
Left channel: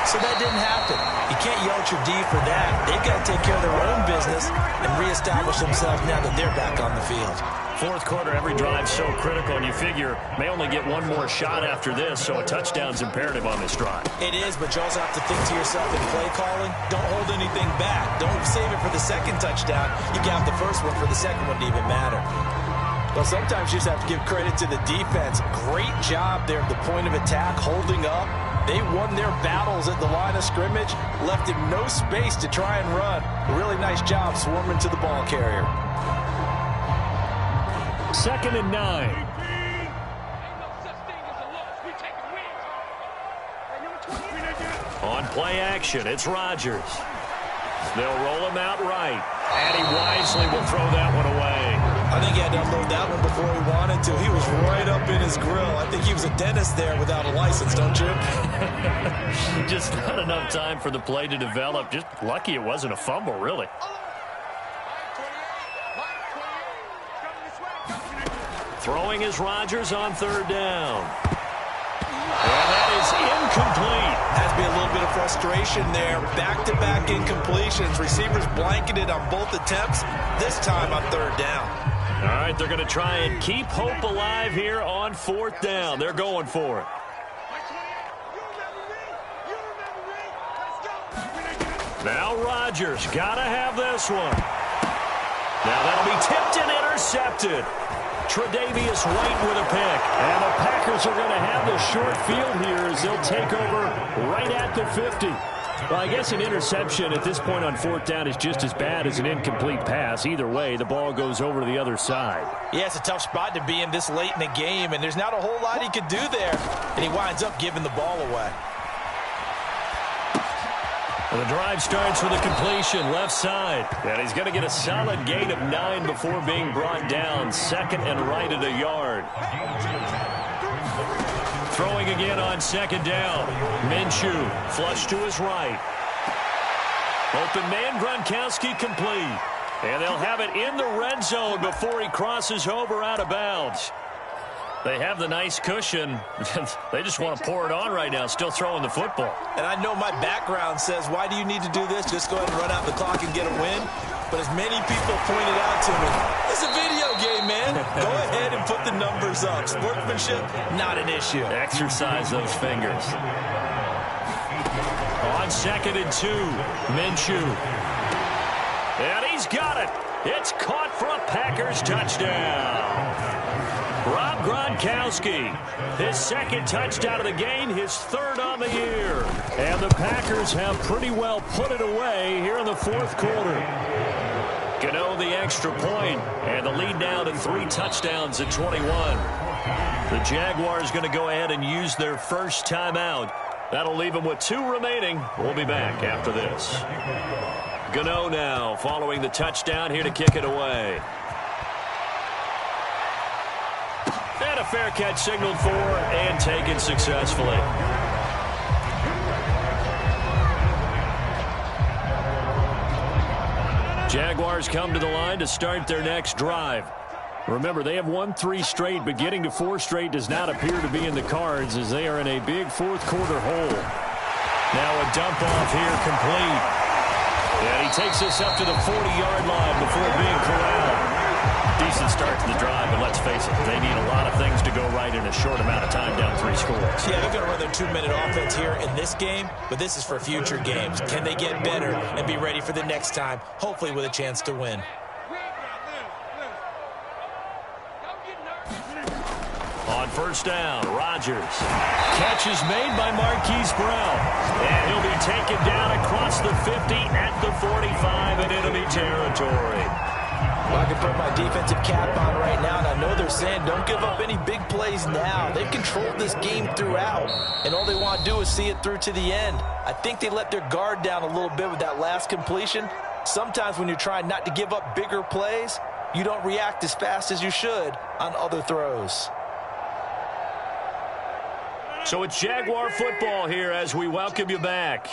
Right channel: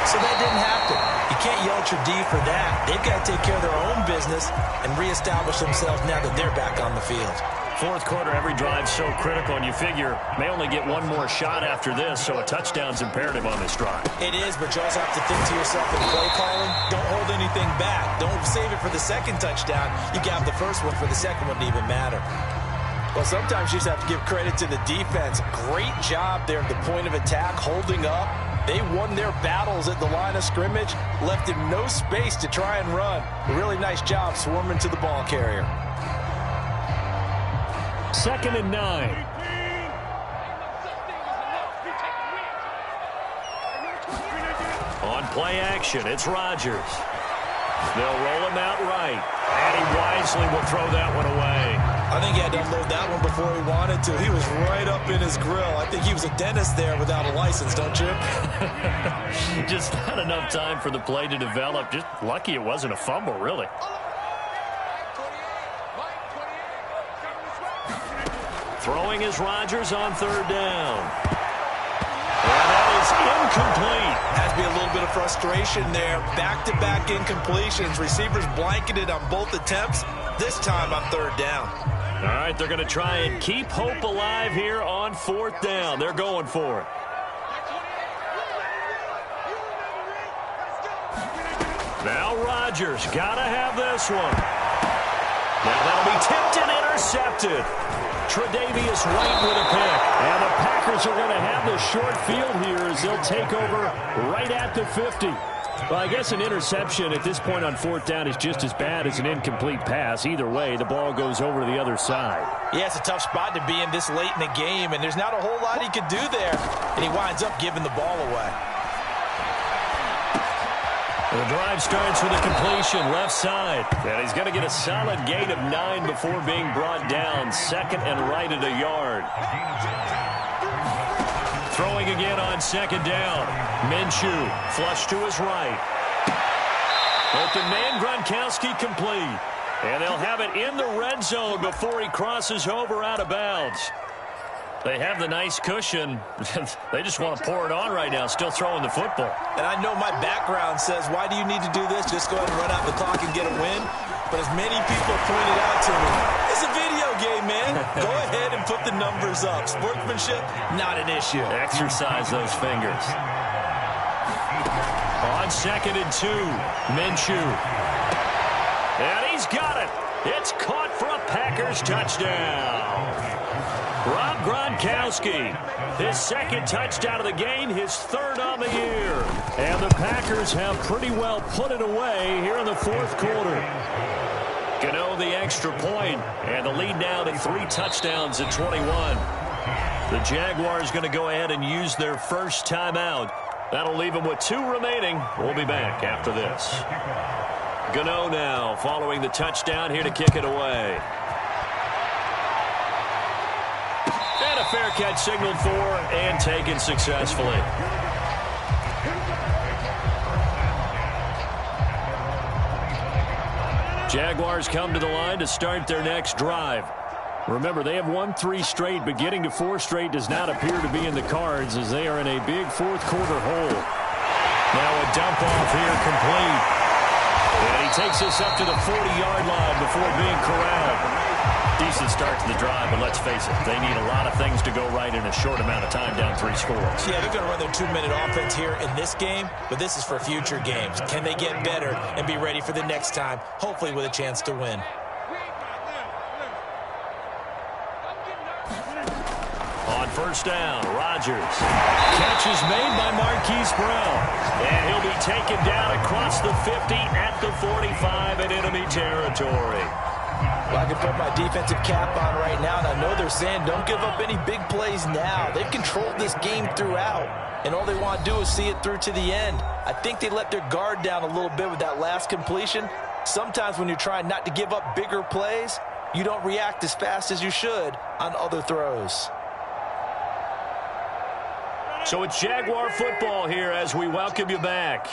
So that didn't happen. You can't yell at your D for that. They've got to take care of their own business and reestablish themselves now that they're back on the field. 4th quarter, every drive's so critical, and you figure may only get one more shot after this, so a touchdown's imperative on this drive. It is, but you also have to think to yourself in play calling, don't hold anything back. Don't save it for the 2nd touchdown. You got the 1st one for the 2nd one to even matter. Well, sometimes you just have to give credit to the defense. Great job there at the point of attack, holding up. They won their battles at the line of scrimmage, left him no space to try and run. A really nice job swarming to the ball carrier. 2nd and 9. On play action, it's Rodgers. They'll roll him out right, and he wisely will throw that one away. I think he had to unload that one before he wanted to. He was right up in his grill. I think he was a dentist there without a license, don't you? Just not enough time for the play to develop. Just lucky it wasn't a fumble, really. Throwing is Rodgers on third down. And that is incomplete. Has to be a little bit of frustration there. Back-to-back incompletions. Receivers blanketed on both attempts, this time on third down. All right, they're going to try and keep hope alive here on fourth down. They're going for it. Now Rodgers got to have this one. Now that'll be tipped and intercepted. Tre'Davious White with a pick. And the Packers are going to have the short field here as they'll take over right at the 50. Well, I guess an interception at this point on fourth down is just as bad as an incomplete pass. Either way, the ball goes over to the other side. Yeah, it's a tough spot to be in this late in the game, and there's not a whole lot he could do there. And he winds up giving the ball away. The drive starts with a completion left side. And he's going to get a solid gain of 9 before being brought down. Second and right at a yard. Throwing again on second down. Minshew flush to his right. Open man Gronkowski complete. And they'll have it in the red zone before he crosses over out of bounds. They have the nice cushion. They just want to pour it on right now, still throwing the football. And I know my background says, why do you need to do this? Just go ahead and run out the clock and get a win. But as many people pointed out to me, it's a video game, man. Go ahead and put the numbers up. Sportsmanship, not an issue. Exercise those fingers. On second and 2, Minshew. And he's got it. It's caught for a Packers touchdown. Rob Gronkowski, his second touchdown of the game, his third on the year. And the Packers have pretty well put it away here in the fourth quarter. Gano the extra point, and the lead now to 3 touchdowns at 21. The Jaguars going to go ahead and use their first timeout. That'll leave them with 2 remaining. We'll be back after this. Gano now following the touchdown here to kick it away. And a fair catch signaled for and taken successfully. Jaguars come to the line to start their next drive. Remember, they have won 3 straight, but getting to 4 straight does not appear to be in the cards as they are in a big fourth quarter hole. Now a dump off here complete. And he takes this up to the 40-yard line before being corralled. Decent start to the drive, but let's face it, they need a lot of things to go right in a short amount of time down 3 scores. Yeah, they're going to run their 2-minute offense here in this game, but this is for future games. Can they get better and be ready for the next time, hopefully with a chance to win? On first down, Rodgers. Catch is made by Marquise Brown. And he'll be taken down across the 50 at the 45 in enemy territory. Well, I can put my defensive cap on right now, and I know they're saying don't give up any big plays now. They've controlled this game throughout, and all they want to do is see it through to the end. I think they let their guard down a little bit with that last completion. Sometimes when you're trying not to give up bigger plays, you don't react as fast as you should on other throws. So it's Jaguar football here as we welcome you back.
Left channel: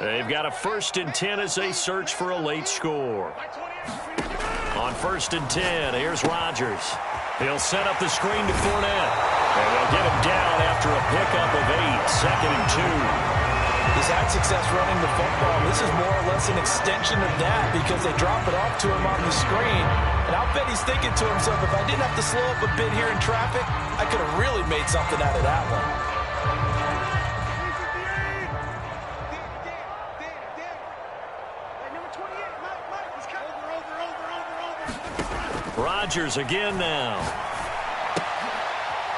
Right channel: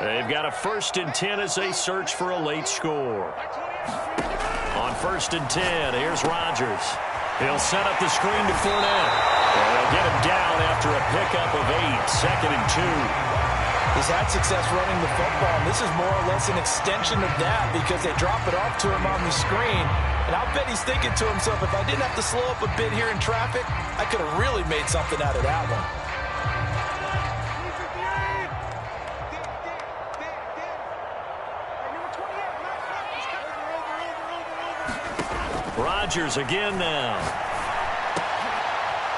They've got a 1st and 10 as they search for a late score. On 1st and 10, here's Rodgers. He'll set up the screen to Fournette. And they'll get him down after a pickup of 8, 2nd and 2. He's had success running the football, and this is more or less an extension of that because they drop it off to him on the screen. And I'll bet he's thinking to himself, if I didn't have to slow up a bit here in traffic, I could have really made something out of that one. Rodgers again now.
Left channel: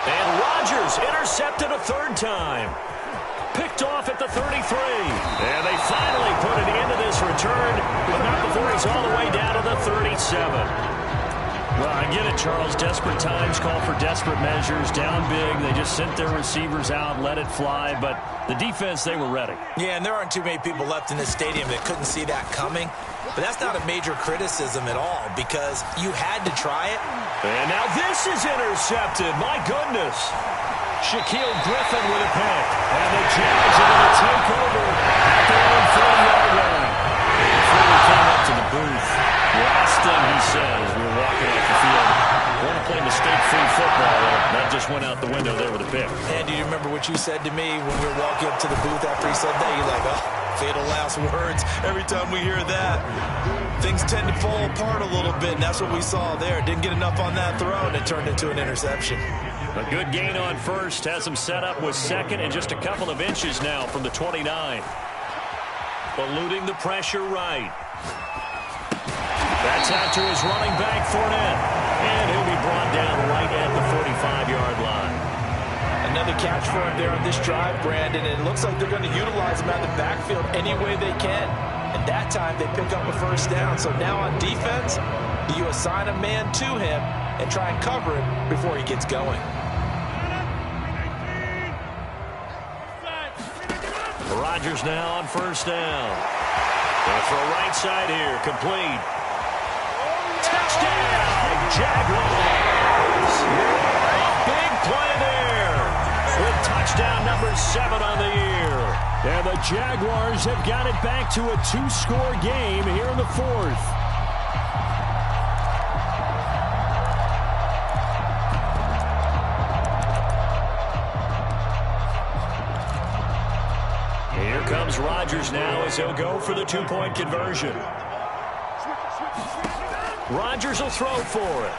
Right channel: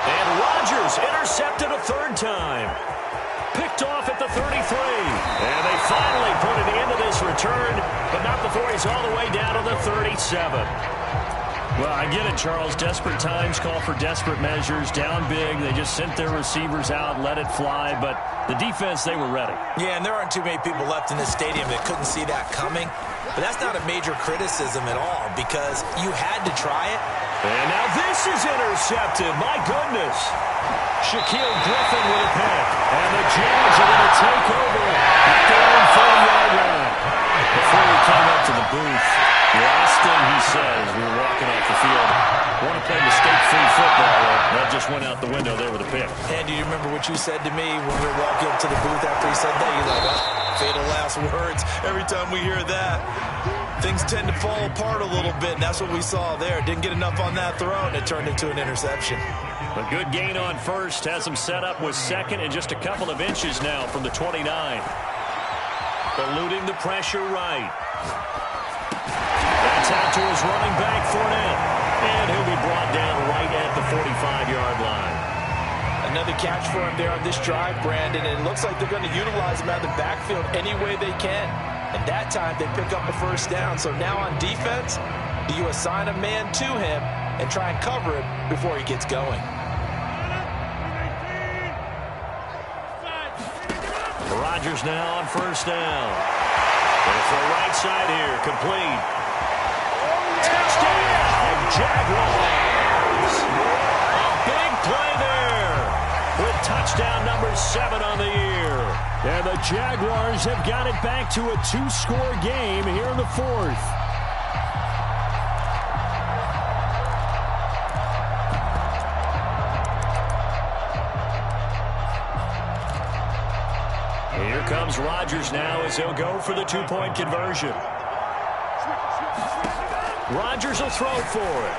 And Rodgers intercepted a 3rd time. Picked off at the 33. And they finally put an end to this return, but not before he's all the way down to the 37. Well, I get it, Charles. Desperate times call for desperate measures. Down big, they just sent their receivers out, let it fly. But the defense, they were ready. Yeah, and there aren't too many people left in this stadium that couldn't see that coming. But that's not a major criticism at all because you had to try it. And now this is intercepted. My goodness. Shaquille Griffin with a pick. And the Jags are going to take over at their own 40-yard line. Before we came up to the booth, last thing he says, we were walking off the field, want to play mistake-free football. Well, that just went out the window there with a pick. And do you remember what you said to me when we were walking up to the booth after he said that? You're like, oh, fatal last words. Every time we hear that, things tend to fall apart a little bit, and that's what we saw there. Didn't get enough on that throw, and it turned into an interception. A good gain on first has him set up with second and just a couple of inches now from the 29. Eluding the pressure right. That's out to his running back, Fournette. And he'll be brought down right at the 45-yard line. Another catch for him there on this drive, Brandon. And it looks like they're going to utilize him out of the backfield any way they can. And that time they pick up a first down. So now on defense, do you assign a man to him and try and cover him before he gets going? Rodgers now on first down. Going to throw right side here. Complete. Touchdown, Jaguars. A big play there with touchdown number 7 on the year. And the Jaguars have got it back to a 2-score game here in the 4th. Here comes Rodgers now as he'll go for the 2-point conversion. Rodgers will throw for it.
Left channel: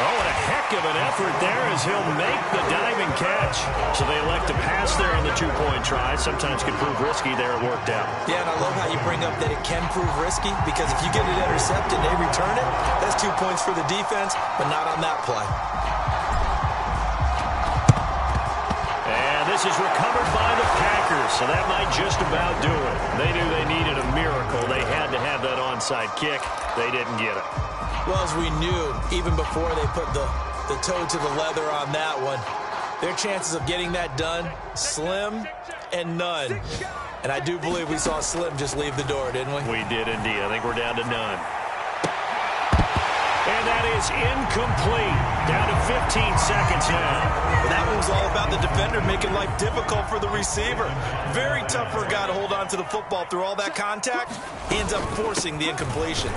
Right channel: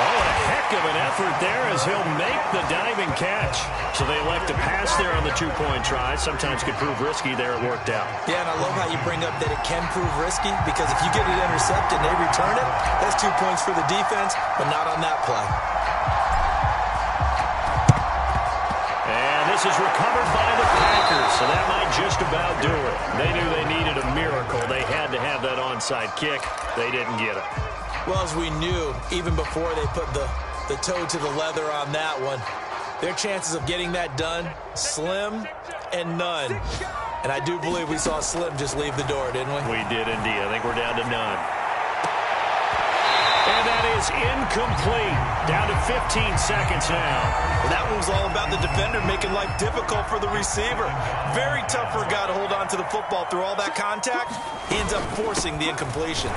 Oh, and a heck of an effort there as he'll make the diving catch. So they elect to pass there on the 2-point try. Sometimes could prove risky. There it worked out. Yeah, and I love how you bring up that it can prove risky because if you get it intercepted and they return it, that's 2 points for the defense, but not on that play. And this is recovered by the Packers, so that might just about do it. They knew they needed a miracle. They had to have that onside kick. They didn't get it. Well, as we knew, even before they put the toe to the leather on that one, their chances of getting that done, slim and none. And I do believe we saw Slim just leave the door, didn't we? We did indeed. I think we're down to none. And that is incomplete. Down to 15 seconds now. Well, that one was all about the defender making life difficult for the receiver. Very tough for a guy to hold on to the football through all that contact. He ends up forcing the incompletion.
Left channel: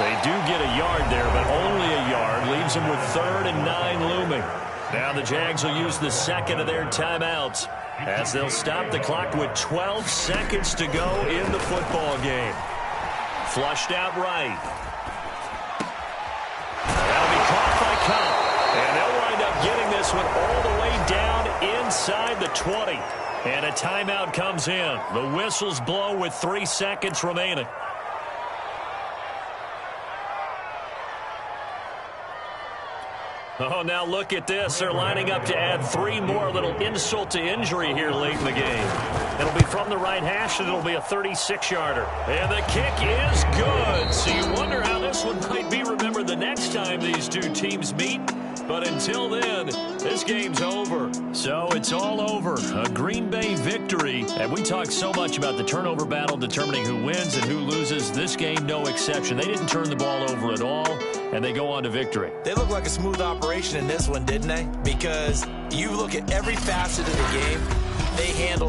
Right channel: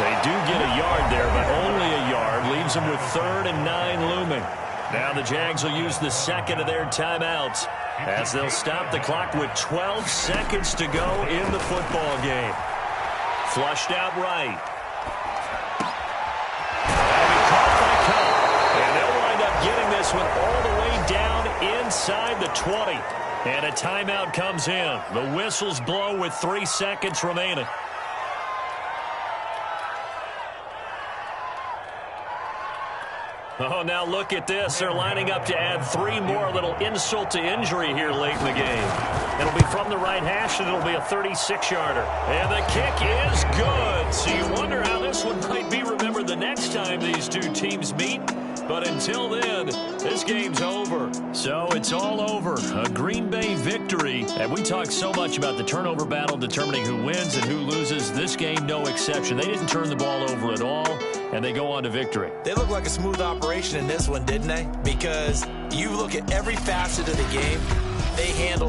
They do get a yard there, but only a yard. Leaves them with 3rd and 9 looming. Now the Jags will use the second of their timeouts as they'll stop the clock with 12 seconds to go in the football game. Flushed out right. That'll be caught by Cup. And they'll wind up getting this one all the way down inside the 20. And a timeout comes in. The whistles blow with 3 seconds remaining. Oh, now look at this. They're lining up to add 3 more, little insult to injury here late in the game. It'll be from the right hash, and it'll be a 36-yarder. And the kick is good. So you wonder how this one might be remembered the next time these two teams meet. But until then, this game's over. So it's all over. A Green Bay victory. And we talk so much about the turnover battle determining who wins and who loses. This game, no exception. They didn't turn the ball over at all, and they go on to victory. They look like a smooth operation in this one, didn't they? Because you look at every facet of the game, they handled